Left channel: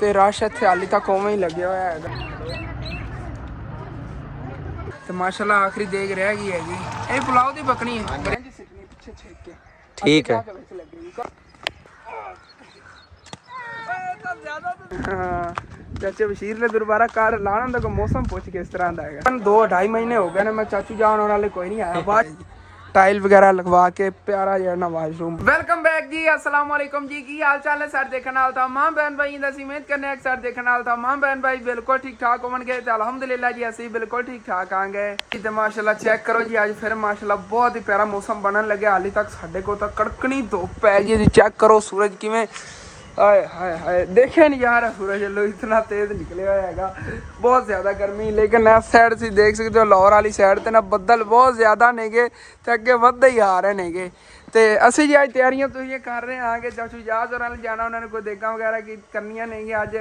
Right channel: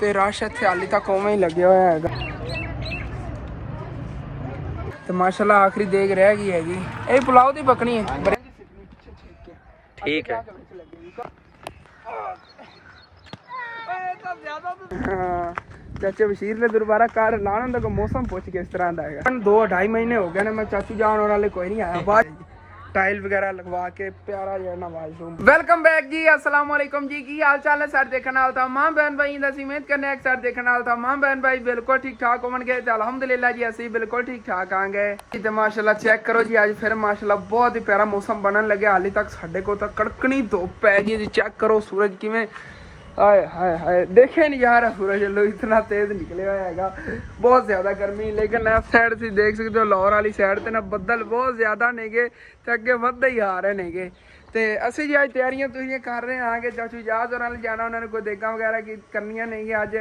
ਤੇ ਰਸ਼ ਇੱਥੇ ਹਾਲੀ ਤੱਕ ਉਵੇਂ ਹੀ ਲੱਗਿਆ ਹੋਇਆ ਹੈਗਾ ਤੇ ਮਾਸ਼ਾਅੱਲਾ ਆਖਰੀ ਦੇਗ ਰਹਿ ਗਈ ਹੈਗੀ। ਇਹ ਪੁਲਾਓ ਦੀ ਪਕਣੀ ਹੈ ठीक है। हाँ चाचे बशीर ने दोबारा कार लाना तो मौसम पूछ के इस तरह का है 2-2.5 महीने हो गए ना मैं चाचू जान और वाले कोई नहीं आया बाद टाइल वगैरह लगवा के प्यारा जहा वाशरूम। वेलकम बैक जी, अस्सलाम वालेकुम जी, की हाल चाल है सर देखने वाल था मां बहन भाई दस उम्मीद करने सर देखने वाल था मां बहन भाई बिल्कुल ठीक ठाक होवन गए तो अलहमदुलिल्लाह जी असं बिल्कुल ठीक ठाक आ गए तो माशाल्लाह चेक करो जी अज फिर माशाल्लाह बहुत ही प्यारा मौसम बनन लगे। हाली तक साढ़े को तो कड़कनी धुप है जी, चेक करो सूरज किवें हाय हाय हाय देखे नहीं यार सूरज लो इतना तेज निकले हुआ हैगा, बहुत ज़्यादा गर्मी। लेकिन लेफ्ट साइड से देख सकते हो लाहौर वाली साइड ते ना बदल बहुत ज़्यादा नेगे ते अगे वधदे ही आ रहे नेगे ते असीं जी अज तैयारियां तुसीं कर रहे हैं कि चाचू जहाज होर जाना उन्होंने कोई देगा वगैरह की करनियां नहीं अज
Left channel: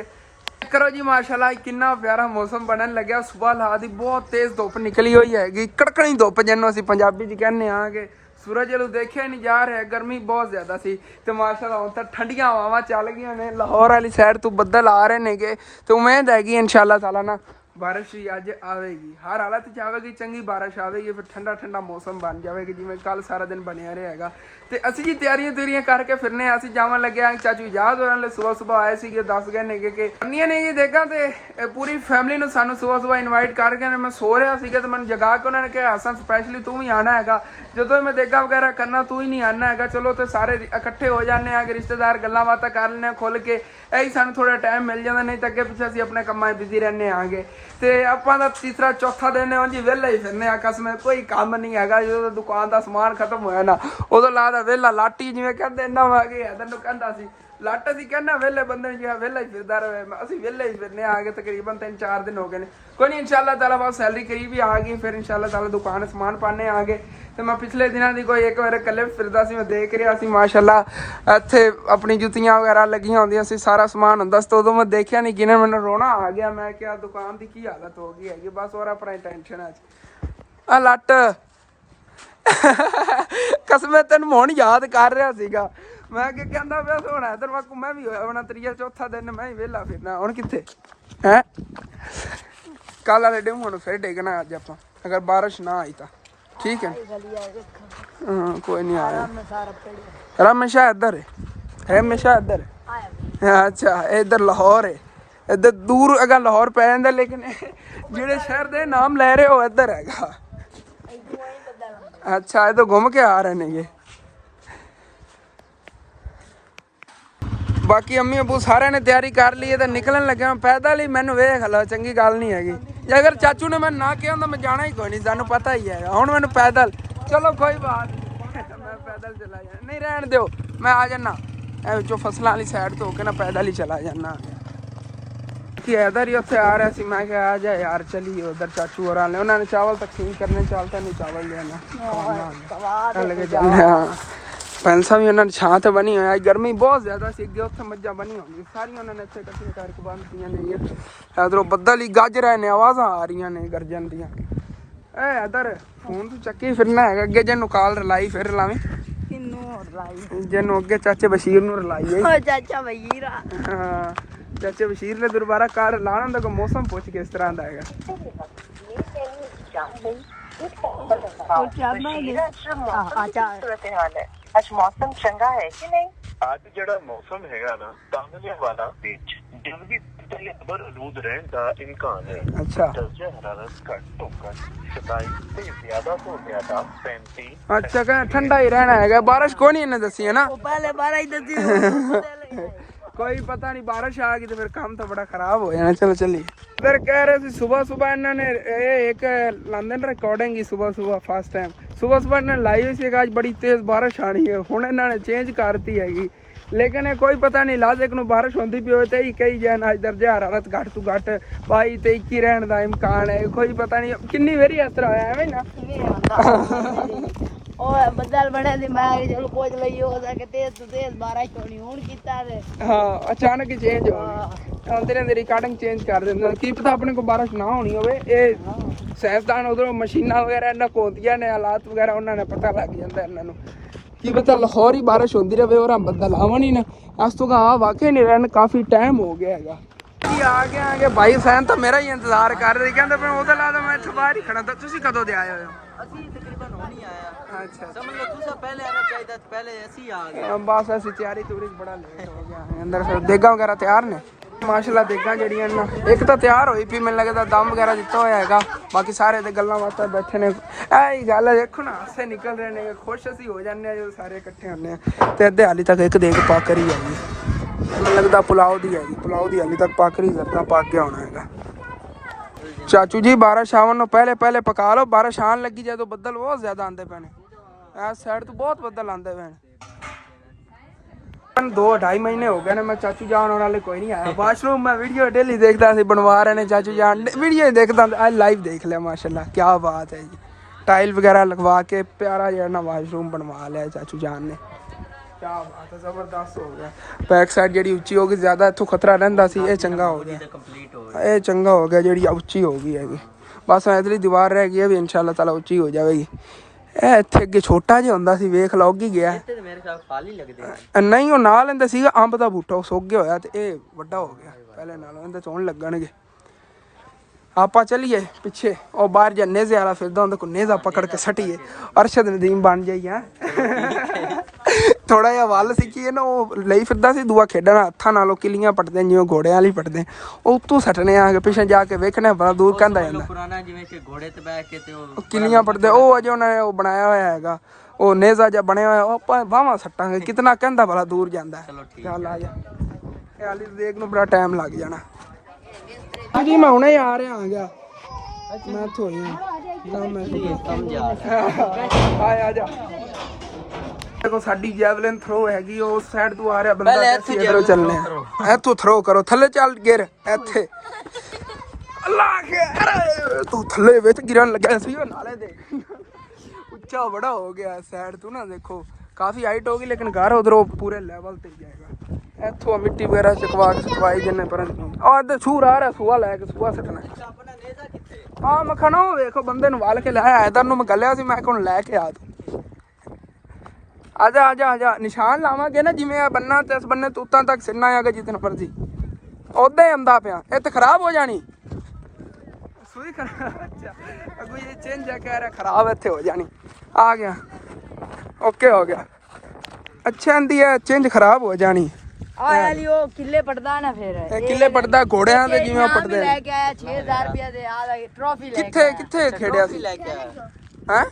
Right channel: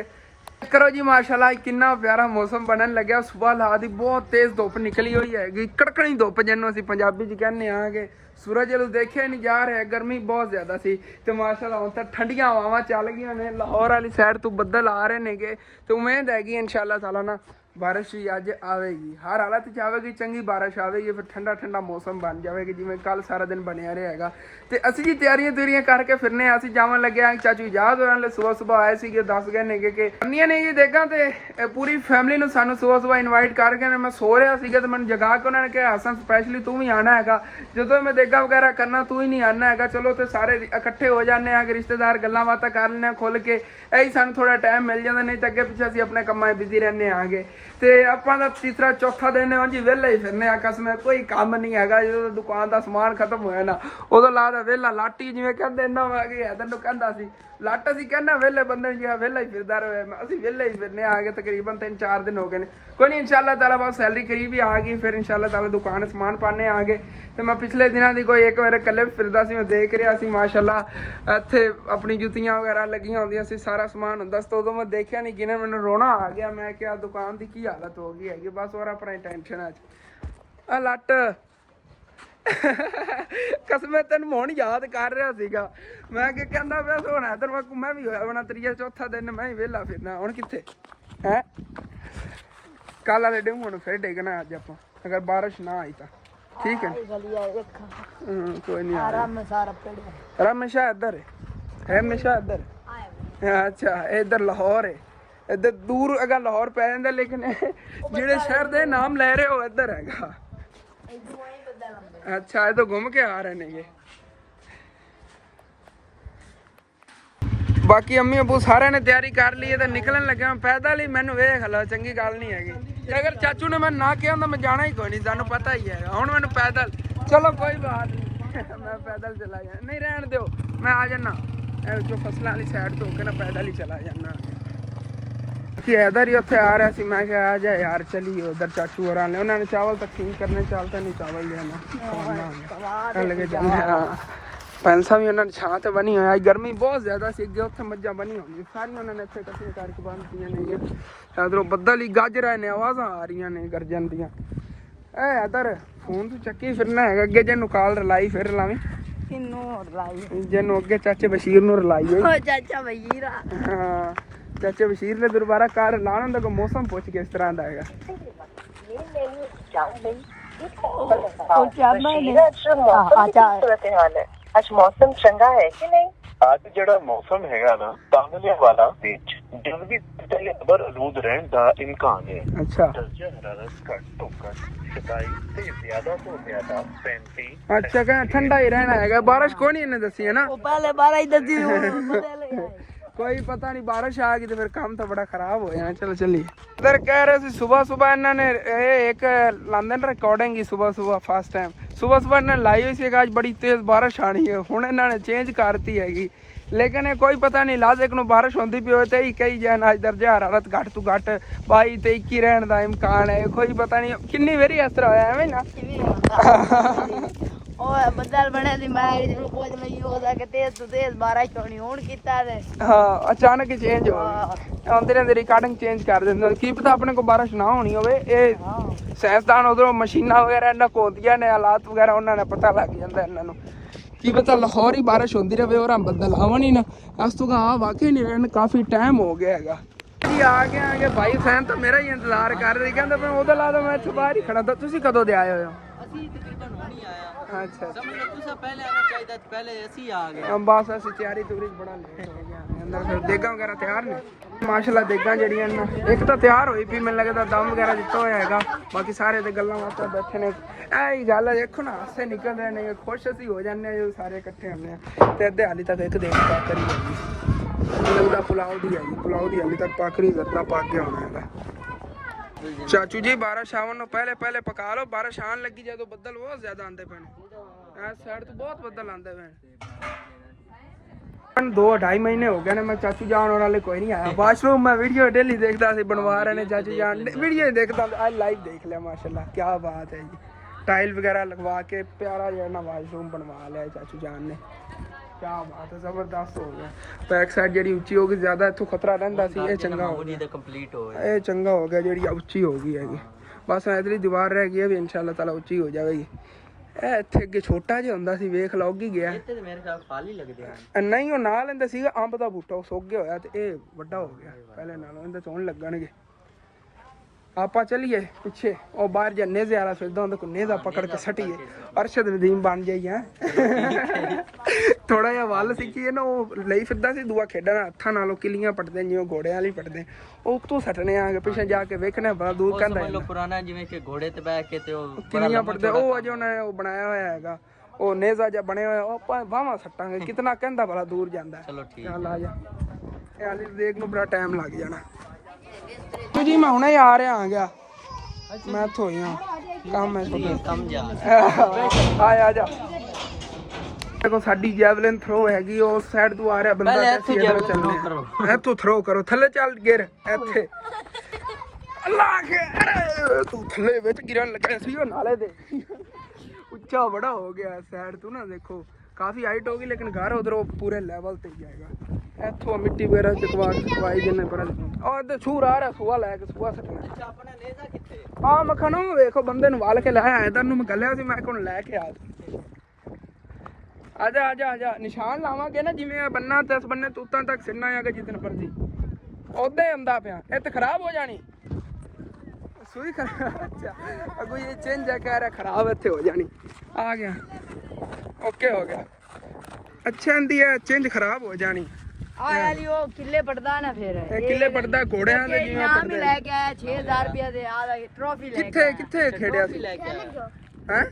करो जी। माशाल्लाह कितना प्यारा मौसम बनन लग्या, सुबह ला दी बहुत तेज़ धुप निकली हुई हैगी, कड़कनी धुप जिन्हों असीं पंजाबी च कहने हाँ कि सूरज वालों देखिया नहीं जा रहा, गर्मी बहुत ज़्यादा सी तो माशाल्लाह हुण तां ठंडियां हवावां चल गई ने। लाहौर वाली साइड तो बदल आ रहे नेगे तो उम्मीद हैगी इंशाल्लाह ताला ना बारिश भी अज आएगी, हर हालत च आएगी, चंगी बारिश आएगी, फिर ठंडा ठंडा मौसम बन जाएगा जिवें कल सारा दिन बनया रहेगा। तो असीं जी तैयारियां तुरियां करके फिरने असीं जावन लगे हाँ चाचू इजाज़ होरां ले सुबह सुबह आए सी दस गए नेगे कि करनियां नेगी देगा तो पूरी फैमिली नूं सानूं सुबह सुबह इनवाइट करके मैं सो रहा सीगा तो मैंने जगा के उन्होंने कहा हसन स्पैशली तू भी आना है, जो मैं देगा वगैरह करना तू ही नहीं आना है, चलो तो सारे इकट्ठे हो जाने कि रिश्तेदार गल्लां बातां कर लेने खुल के यही सानूं थोड़ा टाइम मिल जाता, नहीं तो अगे पिछे असीं अपने कामां बिजी रहने आगे तो आपां दा तीसरा चौथा दिन है जी वेला ही फिरने आकस में कोई काम नहीं है। जो दुकान का समान खत्म होया ना उदों लादा वेला लाटी जिवें कहंदे ना मैं हैदर नूं कहंदा सी लट असीं कहना वेले बंदे जिहा वेला ही फिरदा रहे, असीं वेले ही फिरने आ गए तकरीबन 3-4 दिन हो गए। कोई नहीं इंशाल्लाह ताला बस सैलरी करीब ही आ गई फिर इंशाल्लाह ताला दुकान समान पाने आ गए। तो मैं पिछले दिनों की कोई एक मेरे कल्ले फिरदा सी मैं देख रहा सी माशाल्लाह इत्थे अपनी जुत्तियां वगैरह लगियां होंदियां सी सारा समान हुंदा सी तो उदों मैं देखिया नहीं किने मैनूं रोना आ गया, मैं क्या दुकान की की हालत हो गई हैगी बस और अपना टेंशन है आ लट कसम तेन हुण याद कर रहा सीगा मैं कि कहंदा पिया सोना इधर मैं घूमै भी होया होना 3-4 दिन मैं ही वेला फिरना हुण कित्थे हैं कल वाले दिन हुण फिर डिगना अज आपां अगर बारिश ना आई तो ठीक है। कोई नहीं आ रमेशा इधर है रमेशा इधर है अच्छा इधर लाहौर है इधर दूर अगर लाहौर पै जांदा लेकिन जेड़े शहर दे नाम ले रहे हो इधर हैगा। अच्छा ये तो घूम के आ रहे ने ये बाकी अम्मी अबू सारे ने तैयारी कर ली है तो निकलन लगे पैदल ही मैनू वेख लो चंगी गल नहीं हैगी जे अगर चाचू ने मैं ना कहा तो मैं जाना ही कोई नहीं सानू पता ही है हुण मैनू पैदल चलो कोई बात नहीं मैं पैदल चला जाना नहीं रहन दो मैं आ जाना जो फसलों वाली साइड तो होके ना पैदल ही चला जाना इधर ही उत्थे आ रहा सी मैं क्या आ जा यार चलिए उधर चाचू और आने उन्होंने चावल तकसीम करने चलता नहीं चावल लेना पैंसा भी उन्होंने छां तो बनी हुई गर्मी बहुत ज़्यादा सी अगे उत्थे मज्जां बनी होंगी सारियां उन्होंने इत्थे कट्ठियां करके बंदियां ने इधरों बदल ही गज रहे ने आवाज़ां आ रही ने गर्जन दियां ए इधर फोन तो चक्की फिरना है अगे जेनू कॉल रलाई फिर लावें जेनू अगे चाचे बशीर नूं रलाई चाचा बशीर हाँ चाचे बशीर ने दोबारा कार लाना तो मौसम पूछ के इस तरह का है आज मौसम चंगा है कि नहीं? आज जड़ा मौसम हैगा ना तामले वाला बीच जल्दी पहले अबर आलूद रहन दा इम्कान है। अच्छा दर्जे हरारत घट तो घट 27 से ज्यादा तो ज्यादा 35। अच्छा कह ठंडा ही रहना है बारिश को नहीं इन्हें दसी है ना पहले बारह ही दसी कोई पता नहीं बारिश आ गई तो फिर काम तो बड़ा खराब हो जाना। चलो चलिए इधर कह रहे थे सुबह सुबह इन्होंने एक लाते ना रिकॉर्डिंग की सुबह सुबह फर्स्ट टाइम सुबह सुबह इन्होंने लाई हुई सी आज बड़ी तेज़ बारिश आनी है हुण इन्होंने चेंज करती हैगी लेकिन कोई पता नहीं लाजिक नूं बारिश होंदी पई होवे ते ही कही जान अज दर्जा हरारत घट तो घट 22 ते 21 रहने का इम्कान है कोई पता नहीं किन्नी वेरी इस तरह होया एवें ना बदल बने दी मैं चलो पहुंच लई हो सके तेज तो तेज बारिश तो नहीं हुण कीता है हाँ अचानक ही चेंज हो गई आंदे रहंदे रिकॉर्डिंग चेंज कर दिंदे की पता अपने को बारिश ना होनी होवे ये साइंसदान उधरों मशीनां वगैरह इन्हां कोल होंदियां ने हालात वगैरह उन्होंने पता लग जाता इन्हां नूं ਕੀ ਪਤਾ ਲਾਹੌਰ ਹੀ ਬਾਰਿਸ਼ ਹੁੰਦੀ ਰਹੇ और हम ਬੱਦਲ ਆਵਣ ਹੀ ਨਾ। ਇਸ ਤੋਂ ਆ ਵਾਕਈ ਨਹੀਂ ਰਹਿਣ ਕਾਫੀ ਟਾਈਮ ਹੋ ਗਿਆ ਹੈਗਾ ਜੀ। ਆ ਗਏ ਭਾਈ ਫੈਨ ਤਾਂ ਮੇਰਾ ਹੀ ਇੰਤਜ਼ਾਰ ਕਰ ਰਹੇ ਕਹਿੰਦੇ ਮੈਂ ਉਹਦੇ ਲਾ ਮੈਂ ਇੱਥੇ ਬਾਹਰ ਹੀ ਖੜਾ। ਤਾਂ ਤੁਸੀਂ ਕਦੋਂ ਦੇ ਆਏ ਹੋਏ ਹੋ? ਅਸੀਂ ਤਕਰੀਬਨ ਹੋ ਨਹੀਂ ਆਇਆ। ਅੱਛਾ ਸਮਝ ਲਓ ਤੁਸੀਂ ਪਹਿਲੇ ਆਣਾ ਚਾਹੀਦਾ ਪਹਿਲੇ ਅਸੀਂ ਆ ਗਏ। ਬਸ ਅਸੀਂ ਤਿਆਰੀ ਤੂਰੀ ਬੜਾ ਲੇਟ ਹੋ ਗਿਆ ਅੰਦਰ। ਫਿਰ ਦੇਗਾ ਵਗੈਰਾ ਤਿਆਰ ਨੇ ਮਾਸ਼ਾਅੱਲਾ। ਦੇਗਾ ਜਿਹੜੀਆਂ ਨਾ ਇੱਕ ਤਾਂ ਤਿਆਰ ਹੋਈ ਪਈ ਮੈਨੂੰ ਲੱਗਦਾ ਦਮ ਵਗੈਰਾ ਦਿੱਤਾ ਹੋਇਆ ਹੈਗਾ। ਬਾਕੀ ਸਾਰੇ ਤੇ ਗੱਲਾਂ ਬਾਤਾਂ ਬੈਠੇ ਨੇ। ਇਹ ਹੀ ਗੱਲ ਹੈ ਦੇਖੋ ਨਾ ਹਾਸੇ ਨਿਕਲ ਰਹੇ ਨੇ। ਖੁਸ਼ ਅਸੀਂ ਹੋ ਜਾਂਦੇ ਹਾਂ ਜਦੋਂ ਸਾਰੇ ਇਕੱਠੇ ਹੁੰਦੇ ਹਾਂ। ਤੇ ਅੱਧੇ ਹਾਲੀ ਤੱਕ ਇੱਕ ਦੇਗ ਪਾਕਰੀ ਹੈਗੀ ਮੈਨੂੰ ਲੱਗਦਾ ਪੁਲਾਓ ਦੀ ਹੈਗੀ। ਪੁਲਾਓ ਦੀ ਹਾਲੀ ਤੱਕ ਪਾਕਰੀ ਜ਼ਰਦਾ ਪੱਕ ਗਿਆ ਹੋਣਾ ਹੈਗਾ। ਚਾਚੂ ਜੀ ਬਾਰਿਸ਼ ਆਉਣ ਨੂੰ ਪਹਿਲੇ ਪਕਾ ਲਓ। ਬਾਰਿਸ਼ ਆਉਣ ਲੱਗੀ ਜਦੋਂ ਬੱਦਲ ਬਹੁਤ ਜ਼ਿਆਦਾ ਆਉਂਦੇ ਪਏ ਨੇ। ਇਸ ਸਾਈਡ ਤੋਂ ਬਹੁਤ ਬੱਦਲ ਆਉਂਦੇ ਪਏ ਨੇ। 2-2.5 ਮਹੀਨੇ ਹੋ ਗਏ ਨੇ ਮੈਂ ਚਾਚੂ ਜਾਨ ਹੋਰਾਂ ਲਈ ਕੋਈ ਨਹੀਂ ਆਇਆ। ਵਾਸ਼ਰੂਮ ਮੈਂ ਵੀਡੀਓ ਡੇਲੀ ਦੇਖਦਾ ਸੀ ਬਣਵਾ ਰਹੇ ਨੇ ਚਾਚੂ ਜਾਨ ਵੀਡੀਓ ਹੀ ਦੇਖਦਾ। ਅੱਜ ਲਾਈਵ ਦੇਖ ਲਿਆ ਮਾਸ਼ਾਅੱਲਾ क्या बात है जी। टाइल वगैरह लगवा के प्यारा जिहा ना वाशरूम बनवा लिया चाचू जान ने। क्या बात है जबरदस्त हो गया। बैक साइड ਜਿਹੜੀ ਉੱਚੀ ਹੋ ਗਈ ਜ਼ਿਆਦਾ ਇੱਥੋਂ ਖਤਰਾ ਰਹਿੰਦਾ ਸੀ। ਇਹ ਚੰਗਾ ਹੋ ਗਿਆ। ਇਹ ਚੰਗਾ ਹੋ ਗਿਆ ਜਿਹੜੀ ਉੱਚੀ ਹੋ ਗਈ ਹੈਗੀ। ਬਸ ਇਧਰਲੀ ਦੀਵਾਰ ਰਹਿ ਗਈ ਹੈ ਵੀ ਇਨਸ਼ਾਅੱਲਾ ਤਾਲਾ ਉੱਚੀ ਹੋ ਜਾਵੇਗੀ। ਇਹ ਇੱਥੇ ਅੱਗੇ ਛੋਟਾ ਜਿਹਾ ਹੁੰਦਾ ਸੀ ਵੇਖ ਲਓ ਉੱਗ ਹੀ ਗਿਆ। ਮੇਰੇ ਖਿਆਲ ਖਾਲੀ ਲੱਗਦੇ ਨਹੀਂ ਉਹ ਨਾਲ ਲੈਂਦੇ ਸੀਗਾ ਅੰਬ ਦਾ ਬੂਟਾ ਉਹ ਸੁੱਕ ਗਿਆ ਹੋਇਆ ਤੇ ਇਹ ਵੱਡਾ ਹੋ ਗਿਆ ਪਹਿਲੇ ਨਾਲੋਂ। ਇਹਦੇ ਚੋਣ ਲੱਗਣਗੇ। ਆਪਾਂ ਚਲੀਏ ਪਿੱਛੇ ਉਹ ਬਾਹਰ ਜਾਂ ਨੇਜ਼ੇ ਵਾਲਾ ਫਿਰਦਾ ਹੁੰਦਾ ਕੋਈ ਨੇਜ਼ਾ ਪਕੜ ਕੇ ਸੱਟੀਏ ਅਰਸ਼ਦ ਨਦੀਮ ਬਣ ਜਾਈਏ। ਥੋੜਾ ਜਿਹਾ ਵੱਲ ਸਿੱਖੀਏ ਨਾ ਉਹ ਲਈ ਫਿਰਦਾ ਸੀ ਦੂਆ ਖੇਡਣਾ ਹੱਥਾਂ ਨਾਲੋਂ ਕਿੱਲੀਆਂ ਪੱਟਦੇ ਜਿਵੇਂ ਘੋੜਿਆਂ ਵਾਲੀ ਪੱਟਦੇ ਉਹ ਉੱਤੋਂ ਸੱਟਣੇ ਆ ਕੇ ਪਿੱਛੇ ਜਾ ਕੇ ਵੇਖਣਾ ਬੜਾ ਦੂਰ ਕਹਿੰਦਾ ਜਾਂਦਾ ਪੁਰਾਣਾ ਜਿਵੇਂ ਕਿ ਘੋੜੇ ਤੇ ਬੈਠ ਕੇ ਤੇ ਉਹ ਕਿੱਲੀਆਂ ਪੱਟਦੇ ਉਹ ਅਜੇ ਉਹਨਾਂ ਨੇ ਉਹ ਬਣਾਇਆ ਹੋਇਆ ਹੈਗਾ। ਉਹ ਨੇਜ਼ਾ ਜਿਹਾ ਬਣਿਆ ਹੋਇਆ ਉਹ ਆਪਾਂ ਬਾਹਾਂ ਸੱਟਾਂਗੇ ਕਿਤਨਾ ਕਹਿੰਦਾ ਬੜਾ ਦੂਰ ਜਾਂਦਾ। ਚਲੋ ਠੀਕ ਚੱਲ ਆ ਜਾ। ਇਹ ਹਾਲੀ ਦੇਖ ਨੂੰ ਬੜਾ ਟਾਈਮ ਲੱਗ ਜਾਣਾ ਜੀ। ਮੈਂ ਹੁਣੇ ਆ ਰਿਹਾ ਆ ਗਿਆ ਮੈਂ ਇੱਥੋਂ ਹੋਈ ਹਾਂ ਕੰਮ ਹੈ ਆ ਜਾ। ਦੇਖੋ ਸਾਡੀ ਜੈਵਲਿਨ ਥਰੋ ਹੈਗੀ ਉਸ ਸਾਈਡ ਤੋਂ ਆ ਰਿਹਾ ਬੰਦਾ ਤੇ ਅਸੀਂ ਇਧਰੋਂ ਚੱਲਣਾ। ਇੱਥੋਂ ਥਰੋ ਕਰੋ ਥੱਲੇ ਚੱਲ ਗਿਰ ਇੱਥੇ ਅੱਲਾਹ ਕੇ ਅਰੇ ਤੂੰ ਥੱਲੇ ਵਿੱਚ ਗਿਰਨ ਲੱਗਾ ਸੀ ਉਹ ਨਾਲੇ ਦੇ ਉੱਚਾ ਬੜਾ ਹੋ ਗਿਆ ਸਾਈਡ ਤੋਂ ਨਾ। ਦੇਖੋ ਕਾਫੀ ਹਾਈਟ ਹੋ ਗਈ ਲੇਕਿਨ ਘਰ ਉਧਰੋਂ ਪੂਰੇ ਲੈਵਲ ਤੇ ਜਾਏਗਾ। ਇੱਥੋਂ ਮਿੱਟੀ ਵਗੈਰਾ ਚਕਵਾਈ ਜਿੰਨੇ ਪਰ ਆ ਇੱਧਰ ਸੂਰ ਆ ਰਿਹਾ ਸੂਆ ਲੈ ਕੇ ਸੂਆ ਸੱਟਣਾ। ਹਾਂ ਮੱਖਣ ਉਹ ਵੇਖੋ ਬੰਦੇ ਨੂੰ ਵਾਲ ਕੇ ਲਾਇਆ ਇਧਰ ਨੂੰ ਮੈਂ ਗੱਲਿਆ ਸੀ ਮੈਂ ਕੋਲ ਲੈ ਕੇ ਆ ਜਾ ਨਿਸ਼ਾਨ ਲਾਵਾਂਗੇ ਨਾ ਜਿਵੇਂ ਆ ਬੰਨਾ ਤੇ ਇਸ ਬੰਨੇ ਤੂਤਾਂ ਤੱਕ ਸਿਰਨਾ ਆਗਾ ਜਿੱਦਨ ਮਰਜੀ ਉਦਾਂ ਹੀ ਆਂਦਾ ਪਿਆ। ਇਹ ਤਾਂ ਖਰਾਬ ਹੋ ਜਾਣੀ ਸੂਈ ਅੱਛਾ ਅਗੋ ਇਹ ਚੇਂਜ ਕਹਿ ਰਿਹਾ ਖਰਾਬ ਇੱਥੇ ਹੋ ਜਾਣੀ। ਆ ਗਿਆ ਓਕੇ ਹੋ ਗਿਆ। ਅੱਛਾ ਆਂਦੀ ਹੈ ਚੇਂਜ ਖਰਾਬ ਹੋ ਜਾਣੀ। ਆ ਵਾਲੀ ਉਹ ਕਿੱਲੇ ਪੜਦਾ ਨਾ ਫਿਰ ਇਹ ਕਿੱਲੇ ਪੜਦਾ ਘੋੜਿਆਂ ਦੇ ਜਿਵੇਂ ਪੜਦੇ ਲੈ ਕੇ ਆਇਆ 6000 ਰੁਪਏ ਦੇ ਆ ਟਰੋਫੀ ਲੈ ਕੇ ਕਿੱਥੇ ਖੇਡਿਆ ਸੀ ਹੈ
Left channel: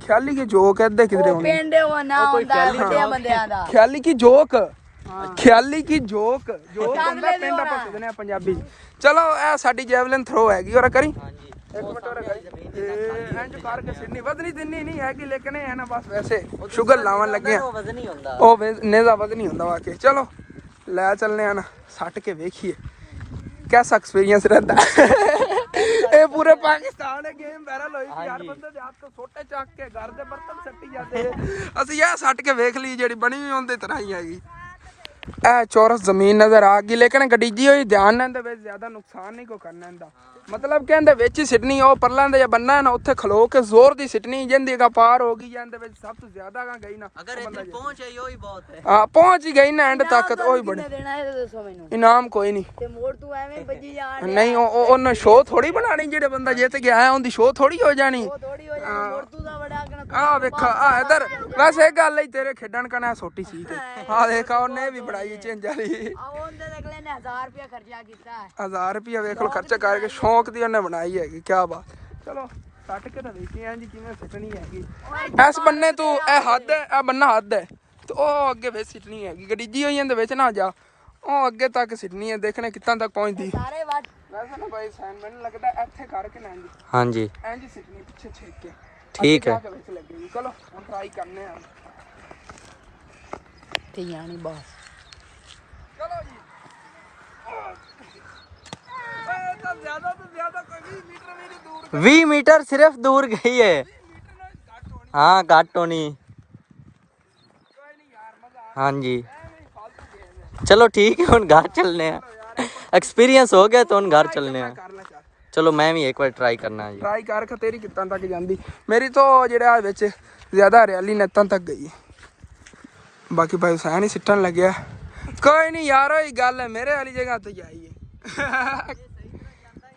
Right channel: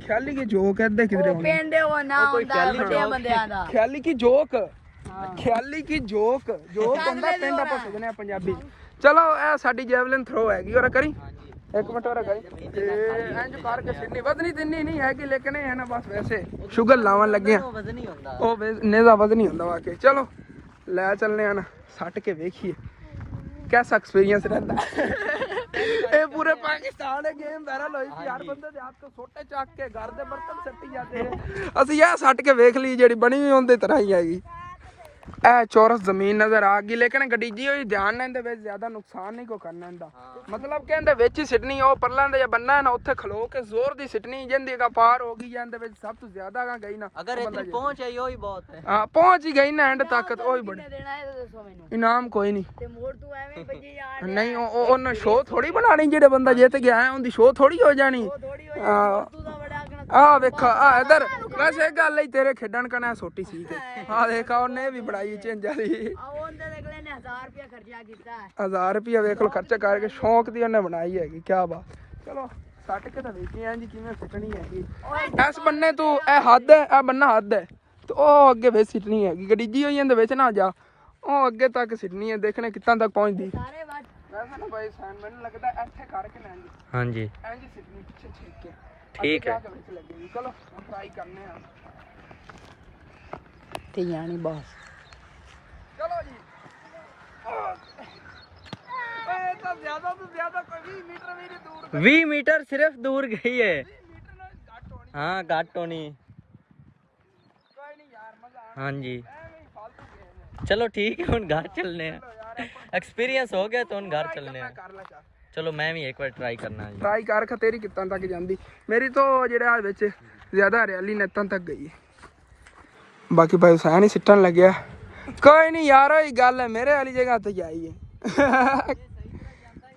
ਖਿਆਲੀ ਕੀ ਜੋਕ ਇੱਧਰ ਕਿਧਰੇ ਹੋਣੀ ਪਿੰਡ ਉਹ ਨਾ ਹੁੰਦਾ ਬੰਦਿਆਂ ਦਾ ਖਿਆਲੀ ਕੀ ਜੋਕ ਖਿਆਲੀ ਕੀ ਜੋਕ ਹੁੰਦਾ ਪਿੰਡ ਆਪਾਂ ਸਦਨੇ ਆ ਪੰਜਾਬੀ। ਚਲੋ ਇਹ ਸਾਡੀ ਜੈਵਲਿਨ ਥਰੋ ਹੈਗੀ ਔਰ ਕਰੀ ਇੱਕ ਮਿੰਟ ਹੋਰ ਕਰੀ ਤੇ ਇੰਜ ਕਰਕੇ ਸਿੱਧੀ ਵਧਣੀ ਤਿੰਨੀ ਨਹੀਂ ਹੈ ਕਿ ਲੇਕਿਨ ਇਹ ਹੈ ਨਾ ਬਸ ਵੈਸੇ ਸ਼ੂਗਰ ਲਾਉਣ ਲੱਗੇ ਆ ਉਹ ਨੇਜ਼ਾ ਵਧ ਨਹੀਂ ਹੁੰਦਾ ਵਾਕੇ। ਚਲੋ ਲੈ ਚੱਲਨੇ ਆ ਨਾ ਸੱਟ ਕੇ ਵੇਖੀਏ कैसा एक्सपीरियंस रहता है। ये पूरे पाकिस्तान है गेम वायरल हुई थी हर बंदे दे हाथ तो छोटे चक के घर दे बर्तन सट्टी जाते असि यह सट के वेख ली जेड़ी बनी हुई उनदी तरह ही आएगी। ਇਹ ਚੌਰਸ ਜ਼ਮੀਨ ਨਜ਼ਰ ਆ ਗਈ ਲੇਕਿਨ ਗੱਡੀਜੀ ਹੋਈ ਧਿਆਨ ਨਾਲ ਦੇ ਵਿੱਚ ਜ਼ਿਆਦਾ ਨੁਕਸਾਨ ਨਹੀਂ ਕੋ ਕਰਨਾ ਇਹਦਾ ਮਤਲਬ ਕਿ ਇਹਦੇ ਵਿੱਚ ਹੀ ਸਿੱਟਣੀ ਉਹ ਪਰਲਾਂ ਦੇ ਜਾਂ ਬੰਨਾ ਨਾ ਉੱਥੇ ਖਲੋ ਕੇ ਜ਼ੋਰ ਦੀ ਸਿੱਟਣੀ ਜਿੰਦੀ ਦਾ ਪਾਰ ਹੋ ਗਈ ਜਾਂਦੇ ਵਿੱਚ ਸਭ ਤੋਂ ਜ਼ਿਆਦਾ ਗਈ ਨਾ ਅਗਰ ਇੱਥੇ ਪਹੁੰਚ ਆਈ ਉਹੀ ਬਹੁਤ ਹੈ। ਹਾਂ ਪਹੁੰਚ ਹੀ ਗਈ ਨਾ ਐਂਡ ਤੱਕ ਉਹੀ ਬੜੀ ਦੇਣਾ ਇਹ ਦੱਸੋ ਮੈਨੂੰ ਇਨਾਮ ਕੋਈ ਨਹੀਂ ਤੇ ਮੋੜ ਤੂੰ ਐਵੇਂ ਵੱਜੀ ਜਾਣ ਨਹੀਂ ਉਹਨੇ ਸ਼ੋਅ ਥੋੜੀ ਬਣਾਣੀ ਜਿਹੜੇ ਬੰਦਾ ਜਿੱਤ ਗਿਆ ਹੈ ਉਹਦੀ ਸ਼ੋਅ ਥੋੜੀ ਹੋ ਜਾਣੀ। ਥੋੜੀ ਹੋ ਜਾ ਤੂੰ ਦਾ ਬੜਾ ਆ ਵੇਖਾ ਆ ਇਧਰ ਵੈਸੇ ਇਹ ਗੱਲ ਹੀ ਤੇਰੇ ਖੇਡਣ ਕਨਾ ਛੋਟੀ ਸੀ ਤੇ ਆ ਦੇਖਾ ਉਹਨੇ ਵੀ ਬਣਾਈ ਚੇਂਜ ਵਾਲੀ ਉਹਦੇ ਅਗਲੇ ਨੇ 1000 ਰੁਪਏ ਖਰਚਾ ਕੀਤਾ 1000 ਰੁਪਏ ਵੇਖ ਲੋ ਖਰਚਾ ਕਰਕੇ ਸ਼ੌਂਕ ਦੀ ਉਹਨੇ ਬਣਾਈ ਹੈਗੀ ਕੀ ਬਾਤ। ਚਲੋ ਸੱਟ ਕੇ ਤਾਂ ਵੇਖੀ ਆਂ ਜੀ ਕਿਵੇਂ ਸਿੱਟਣੀ ਹੈਗੀ ਇਸ ਬੰਨੇ ਤੂੰ ਇਹ ਹੱਦ ਹੈ ਇਹ ਬੰਨਾ ਹੱਦ ਹੈ ਤੇ ਉਹ ਅੱਗੇ ਵੇ ਸਿੱਟਣੀ ਹੈਗੀ ਗੱਡੀਜੀ ਹੋਈ ਜਾਂਦੇ ਵਿੱਚ ਨਾ ਜਾ ਉਹ ਅੱਗੇ ਤੱਕ ਸਿੱਟਣੀ ਹੈ ਦੇਖਣੇ ਕਿੱਦਾਂ ਤੱਕ ਪਹੁੰਚਦੀ ਸਾਰੇ ਵੱਟ ਵੈਸੇ ਨਾ ਭਾਈ ਸੈਨ ਮੈਨੂੰ ਲੱਗਦਾ ਇੱਥੇ ਕਰਕੇ ਨਾ ਜੀ ਹਾਂਜੀ ਇੰਜ ਸਿੱਟਣੀ ਪਿੱਛੇ ਛੇਕ ਕੇ ਠੀਕ ਹੈ। ਚਲੋ ਹੁਣ ਟਰਾਈ ਕਰਨੇ ਆ ਤੇ ਯਾਨੀ ਬਸ ਚਲੋ ਜੀ 20 मीटर सिर्फ दूर गई है। हाँ घट होनी। हाँ जी चलो ठीक है हुन घर चलने हैं एक्सपीरियंस हो गया तो हुन घर चलने हैं। चलो मैं भी एक बार ट्राई करना है। ट्राई कर तेरी कितना तक जाती मेरी तो ਜਿਹੜਾ ਵਿੱਚ ਜ਼ਿਆਦਾ ਹਰਿਆਲੀ ਨੱਤਾਂ ਤੱਕ ਗਈ। ਬਾਕੀ ਭਾਈ ਹੁਸੈਨ ਹੀ ਸਿੱਟਣ ਲੱਗਿਆ। ਕੋਈ ਨਹੀਂ ਯਾਰ, ਉਹੀ ਗੱਲ ਹੈ, ਮੇਰੇ ਵਾਲੀ ਜਗ੍ਹਾ ਤੇ ਜਾਈਏ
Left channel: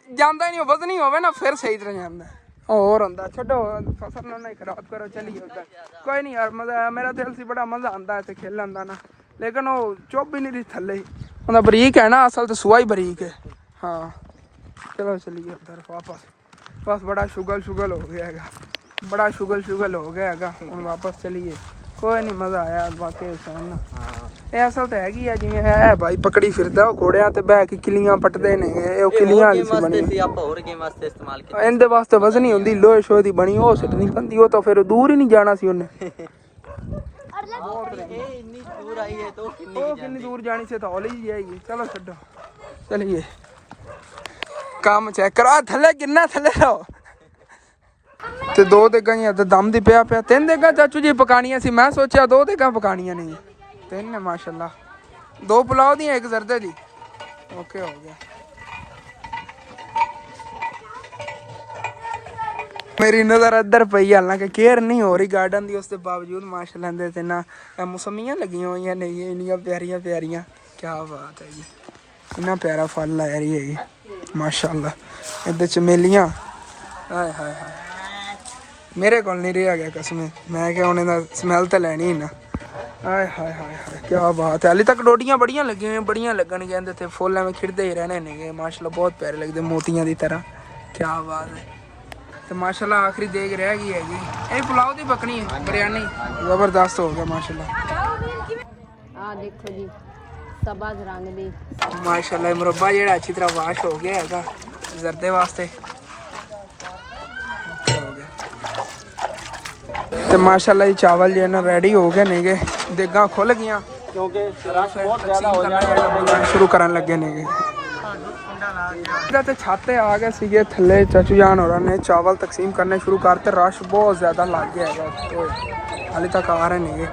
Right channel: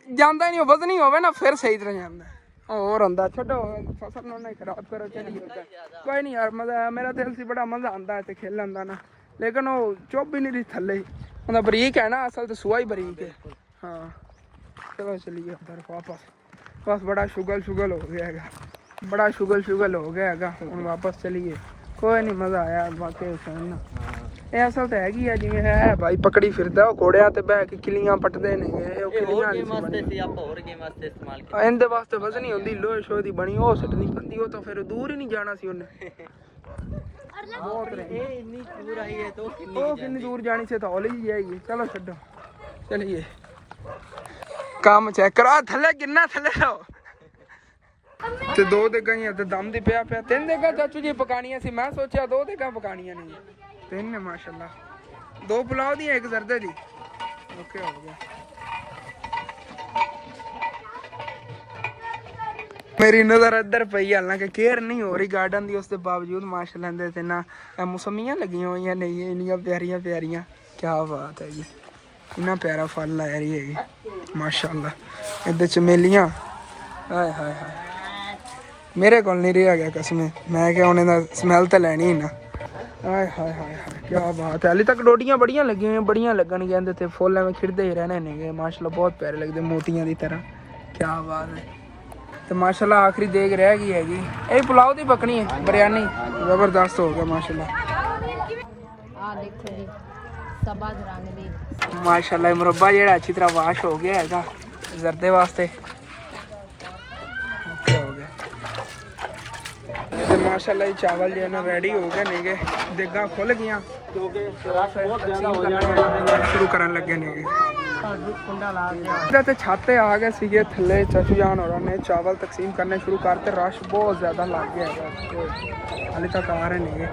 ਜਾਂਦਾ ਹੀ ਨਹੀਂ, ਵਧਣੀ ਹੋਵੇ ਨਾ ਫਿਰ ਸਹੀ ਤਰ੍ਹਾਂ ਜਾਂਦਾ। ਹੋਰ ਹੁੰਦਾ ਛੱਡੋ, ਫਸਲ ਨੂੰ ਨਹੀਂ ਖਰਾਬ ਕਰੋ, ਚਲੀ ਹੁੰਦਾ। ਕੋਈ ਨਹੀਂ ਯਾਰ, ਮਜ਼ਾ ਮੇਰਾ ਦਿਲ ਸੀ, ਬੜਾ ਮਜ਼ਾ ਆਉਂਦਾ ਇੱਥੇ ਖੇਲਣ ਦਾ ਨਾ, ਲੇਕਿਨ ਉਹ ਚੁੱਭ ਹੀ ਨਹੀਂ ਰਹੀ ਥੱਲੇ ਹੀ। ਉਹਦਾ ਬਰੀਕ ਹੈ ਨਾ, ਅਸਲ ਤੇ ਸੁਆ ਹੀ ਬਰੀਕ ਹੈ। ਹਾਂ ਚਲੋ ਚਲੀਏ ਉੱਧਰ ਵਾਪਸ। ਬਸ ਬੜਾ ਸ਼ੁਗਲ ਹੋ ਗਿਆ ਹੈਗਾ, ਬੜਾ ਸ਼ੁਗਲ ਹੋ ਗਿਆ ਹੈਗਾ। ਹੁਣ ਵਾਪਸ ਚਲੀਏ। ਕੋਈ ਨਹੀਂ, ਮਜ਼ਾ ਆਇਆ ਬਾਕੀ ਹੁਸੈਨ ਨਾਲ। ਇਹ ਅਸਲ ਤਾਂ ਹੈਗੀ ਆ, ਜਿਵੇਂ ਇਹ ਭਾਈ ਪਕੜੀ ਫਿਰਦਾ, ਉਹ ਘੋੜਿਆਂ ਤੇ ਬਹਿ ਕੇ ਕਿੱਲੀਆਂ ਪੱਟਦੇ ਨੇ। ਉਹ ਕਿੱਲੀਆਂ ਵਾਲੀ ਸੀ ਬਣੀ, ਇਹਦੇ ਵਾਸਤੇ ਵਜ਼ਨੀ ਹੁੰਦੀ, ਲੋਹੇ ਸ਼ੋਹ ਦੀ ਬਣੀ, ਉਹ ਸਿੱਟਣੀ ਪੈਂਦੀ। ਉਹ ਤਾਂ ਫਿਰ ਦੂਰ ਹੀ ਨਹੀਂ ਜਾਣਾ ਸੀ ਉਹਨੇ। ਉਹ ਕਿੰਨੀ ਦੂਰ ਜਾਣੀ ਸੀ, ਤਾਂ ਹੌਲੀ ਜੀ ਜਾਏਗੀ। ਚਲੋ ਛੱਡੋ, ਚਲੀਏ। ਕੰਮ ਚੈੱਕ ਕਰੋ, ਥੱਲੇ ਕਿੰਨਾ ਥੱਲੇ ਰਹੋ। ਤੇ 2 ਦੇਗਾਂ ਹੀ ਇੱਧਰ ਦਮ ਦੀ ਪਿਆ 3 ਦੇਗਾਂ ਚਾਚੂ ਜੀ ਪਕਾਣੀਆਂ ਸੀ। ਮੈਂ ਸੋਚਿਆ 2 ਦੇਗਾਂ ਪਕਾਣੀਆਂ ਨੇ, 3 ਨੇ ਮਾਸ਼ਾਅੱਲਾ। 2 ਪੁਲਾਓ ਦੀਆਂ, 1 ਜ਼ਰਦੇ ਦੀ। ਓਕੇ ਹੋ ਗਿਆ। ਮੇਰੀ ਨਜ਼ਰ ਇੱਧਰ ਪਈ, ਹਾਲਾਂਕਿ ਕੇਅਰ ਨਹੀਂ ਹੋ ਰਹੀ ਗਾਰਡਨ ਦੀ, ਉਸ ਦੇ ਬਾਵਜੂਦ ਮਾਸ਼ਾਅੱਲਾ ਦੇ ਤੇ ਨਾ ਮੌਸਮੀਆਂ ਲੱਗੀਆਂ ਹੋਈਆਂ ਨੇ, ਇੰਨੀਆਂ ਪਿਆਰੀਆਂ ਪਿਆਰੀਆਂ। ਕਿਆ ਬਾਤ ਹੈ ਜੀ, ਇੰਨਾ ਪਿਆਰਾ ਫਲ ਲਾਇਆ ਰਹੀ ਹੈ ਜੀ ਮਾਸ਼ਾਅੱਲਾ। ਇਹਦੇ ਚਮੇਲੀਆਂ, ਹਾਏ ਹਾਏ ਹਾਏ, ਮੇਰੇ ਕੋਲ ਨਹੀਂ ਰਿਹਾ ਗਿਆ ਕਸਮੇ। ਮੈਂ ਕਿਹਾ ਹੁਣ ਇਹਦਾ ਸਮੈਲ ਤਾਂ ਲੈਣੀ ਨਾ। ਹਾਏ ਹਾਏ ਹਾਏ ਹਾਏ, ਕਿਆ ਬਾਤ ਹੈ। ਹਾਲੇ ਤੱਕ ਡੋਡੀਆਂ ਬੜੀਆਂ ਲੱਗੀਆਂ ਹੋਈਆਂ, ਬੜੀਆਂ ਲੱਗਣਗੀਆਂ ਇਹਦੇ ਤੇ। ਫੁੱਲ ਐਵੇਂ ਖਿੜਦੇ ਹੀ ਰਹਿਣੇ ਨੇਗੇ ਮਾਸ਼ਾਅੱਲਾ, ਬਹੁਤ ਪਿਆਰੇ ਲੱਗਦੇ, ਮੋਤੀਆਂ ਦੀ ਤਰ੍ਹਾਂ। ਕਿਆ ਬਾਤ ਹੈ। ਤੇ ਮਾਸ਼ਾਅੱਲਾ ਆਖਰੀ ਦੇਗ ਰਹਿ ਗਈ ਹੈਗੀ, ਇਹ ਪੁਲਾਓ ਦੀ ਪਕਣੀ ਹੈ, ਬਿਰਿਆਨੀ ਜ਼ਬਰਦਸਤ ਹੋ ਗਿਆ ਮਾਸ਼ਾਅੱਲਾ। ਆ ਦੇਖੋ ਜੀ, ਸਬਜ਼ ਰੰਗ ਦੀ ਮਾਸ਼ਾਅੱਲਾ। ਮੁਰੱਬਾ ਜਿਹੜਾ ਅੱਛੀ ਤਰ੍ਹਾਂ ਵਾਸ਼ ਹੋ ਗਿਆ ਹੈਗਾ ਜ਼ਰਦੇ ਵਾਸਤੇ। ਹੋ ਗਿਆ ਤੇ ਮਾਸ਼ਾਅੱਲਾ ਜੀ ਚਾਵਲ ਜੇ ਨਾ ਰੈਡੀ ਹੋ ਗਏ ਨੇਗੇ, ਦੇਗਾਂ ਖੁੱਲ ਗਈਆਂ ਕਿਉਂਕਿ ਸ਼ੁਰੂ ਕਰਨ ਲੱਗੇ ਨੇਗੇ। ਤੇ ਛੱਤ ਤੇ ਆ ਗਏ ਸੀਗੇ ਥੱਲੇ, ਚਾਚੂ ਜਾਨ ਹੋਰਾਂ ਨੇ ਚਾਵਲ ਤਕਸੀਮ ਕਰਨੇ ਸ਼ੁਰੂ ਕਰਤੇ। ਰਸ਼ ਬਹੁਤ ਜ਼ਿਆਦਾ ਲੱਗ ਗਿਆ ਹੈਗਾ, ਹਾਲੇ ਤੱਕ ਆ ਰਹੇ ਨੇਗੇ।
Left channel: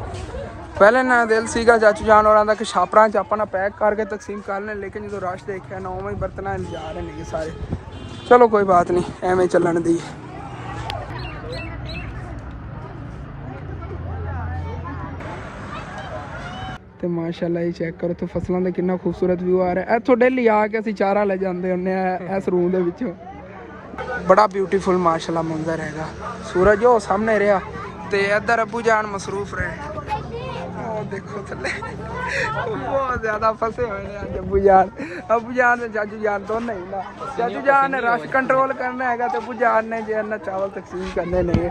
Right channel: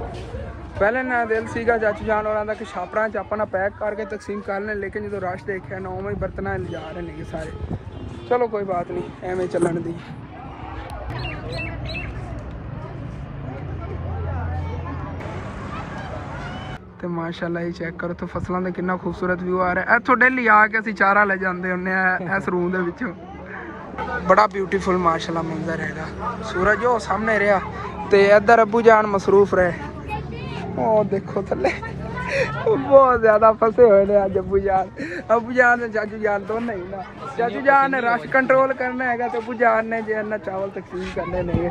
ਪਹਿਲੇ ਨਾ ਦਿਲ ਸੀਗਾ ਚਾਚੂ ਜਾਨ ਹੋਰਾਂ ਦਾ ਕਿ ਛਾਪਰਾਂ 'ਚ ਆਪਾਂ ਨਾ ਪੈਕ ਕਰਕੇ ਤਕਸੀਮ ਕਰ ਲੈਣ, ਲੇਕਿਨ ਜਦੋਂ ਰਸ਼ ਦੇਖਿਆ ਨਾ ਉਵੇਂ ਹੀ ਬਰਤਨਾਂ ਲਿਜਾ ਰਹੇ ਨੇਗੇ ਸਾਰੇ। ਚਲੋ ਕੋਈ ਬਾਤ ਨਹੀਂ, ਐਵੇਂ ਚੱਲਣ ਦੀ। ਤੇ ਮਾਸ਼ਾਅੱਲਾ ਇਹ ਚੈੱਕ ਕਰੋ ਤੇ ਫਸਲਾਂ ਦਾ ਕਿੰਨਾ ਖੂਬਸੂਰਤ ਵਿਊ ਆ ਰਿਹਾ। ਇੱਥੋਂ ਡੇਲੀ ਆ ਕੇ ਅਸੀਂ ਚਾਰਾ ਲੈ ਜਾਂਦੇ ਹੁੰਦੇ ਆ ਇਸ ਰੂਮ ਦੇ ਵਿੱਚੋਂ। ਬੜਾ ਬਿਊਟੀਫੁਲ ਮਾਸ਼ਾਅੱਲਾ ਮੰਜ਼ਰ ਹੈਗਾ। ਸੂਰਜ ਉਹ ਸਾਹਮਣੇ ਰਿਹਾ ਤੇ ਇੱਧਰ ਅੱਬੂ ਜਾਨ ਮਸਰੂਫ ਰਹੇ। ਉਹ ਦੇਖੋ ਥੱਲੇ ਬਹੁਤ ਜ਼ਿਆਦਾ ਫਸੇ ਹੋਏ ਨੇ ਅੱਜ ਅੱਬੂ ਜਾਨ ਤੇ ਚਾਚੂ ਜਾਨ ਦੋਨੇ ਹੀ ਨਾ। ਚਾਚੂ ਜਾਨ ਨੇ ਰਸ਼ ਕੰਟਰੋਲ ਕਰਨਾ ਹੈਗਾ ਤੇ ਅੱਬੂ ਜਾਨ ਨੇ ਜੇ ਇਹਨਾਂ ਚਾਵਲ ਤਕਸੀਮ ਕਰਨੇ ਨੇ।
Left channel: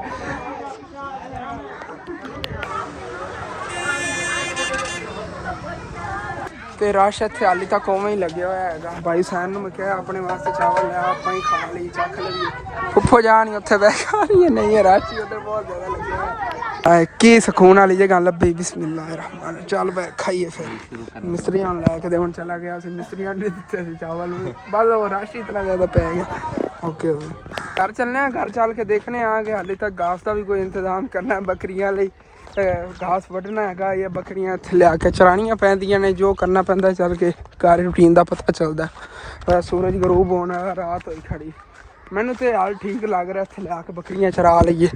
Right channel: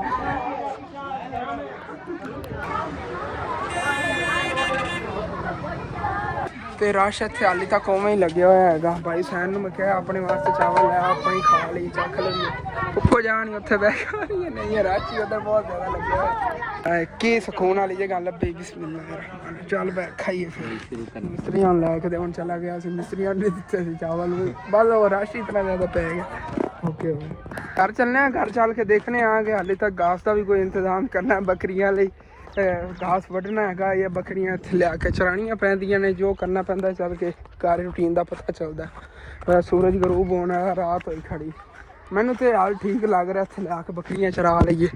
ਤੇ ਰਸ਼ ਇੱਥੇ ਹਾਲੇ ਤੱਕ ਉਵੇਂ ਹੀ ਲੱਗਿਆ ਹੋਇਆ ਹੈਗਾ। ਭਾਈ ਸੈਨ ਨੂੰ ਮੈਂ ਕਿਹਾ ਆਪਣੇ ਵਾਸਤੇ ਚਾਵਲ ਲੈ, ਆਪਾਂ ਹੀ ਖਾ ਲਈ, ਚੱਖ ਲਈਏ। ਉੱਪਰ ਜਾਣ ਉੱਥੇ ਬੈਠਾ ਨਹੀਂ ਹੈ, ਰਸ਼ ਹੀ ਉੱਧਰ ਬਹੁਤ ਜ਼ਿਆਦਾ ਲੱਗਿਆ ਹੋਇਆ। ਕੀ ਸਕੂਨ ਵਾਲੀ ਜਗ੍ਹਾ ਲੱਭੀ। ਬਿਸਮਿਲ੍ਲਾਹਿਰ ਰਹਿਮਾਨ, ਚੱਲ ਬੈ ਖਾਈਏ ਫਿਰ। ਮਿਸਤਰੀਆਂ ਨੂੰ ਲੈ ਕੇ ਤੇ ਹੁਣ ਚਲਾ ਗਿਆ ਸੀ, ਮਿਸਤਰੀਆਂ ਨੇ ਦਿੱਤੇ ਸੀ ਚਾਵਲ ਵੀ, ਬਸ ਉਹ ਰਸ਼ ਇਤਨਾ ਜ਼ਿਆਦਾ ਪੈ ਗਿਆ। ਓਕੇ ਘਰ ਚੱਲਨੇ ਆ, ਘਰ ਚੱਲ ਕੇ ਦੇਖਣੇ ਆ ਕਿ ਹਾਲੇ ਤੱਕ ਘਾਸ ਦਾ ਵੀ ਕੋਈ ਇੰਤਜ਼ਾਮ ਕਰਨਾ ਬੱਕਰੀਆਂ ਲਈ। ਘਾਸ ਵੱਢਣਾ ਹੈਗਾ ਜਾਂ ਬੱਕਰੀਆਂ ਇੱਥੇ ਲਿਆ ਕੇ ਚਰਾਉਣੀਆਂ ਪੈਂਦੀਆਂ ਨੇ, ਜੋ ਕਰਨਾ ਪੈਂਦਾ ਚੱਲ ਕੇ ਘਰ ਰੂਟੀਨ ਦਾ ਪਤਾ ਚੱਲਦਾ। ਸੂਰਜ ਗਰੂਬ ਹੋਣਾ, ਰਾਤ ਹੋਈ ਖੜੀ। ਮੈਨੂੰ ਤੇ ਹਾਲ ਠੀਕ ਲੱਗ ਰਿਹਾ, ਇੱਥੇ ਲਿਆ ਕੇ ਬੱਕਰੀਆਂ ਚਰਾ ਲਈਏ।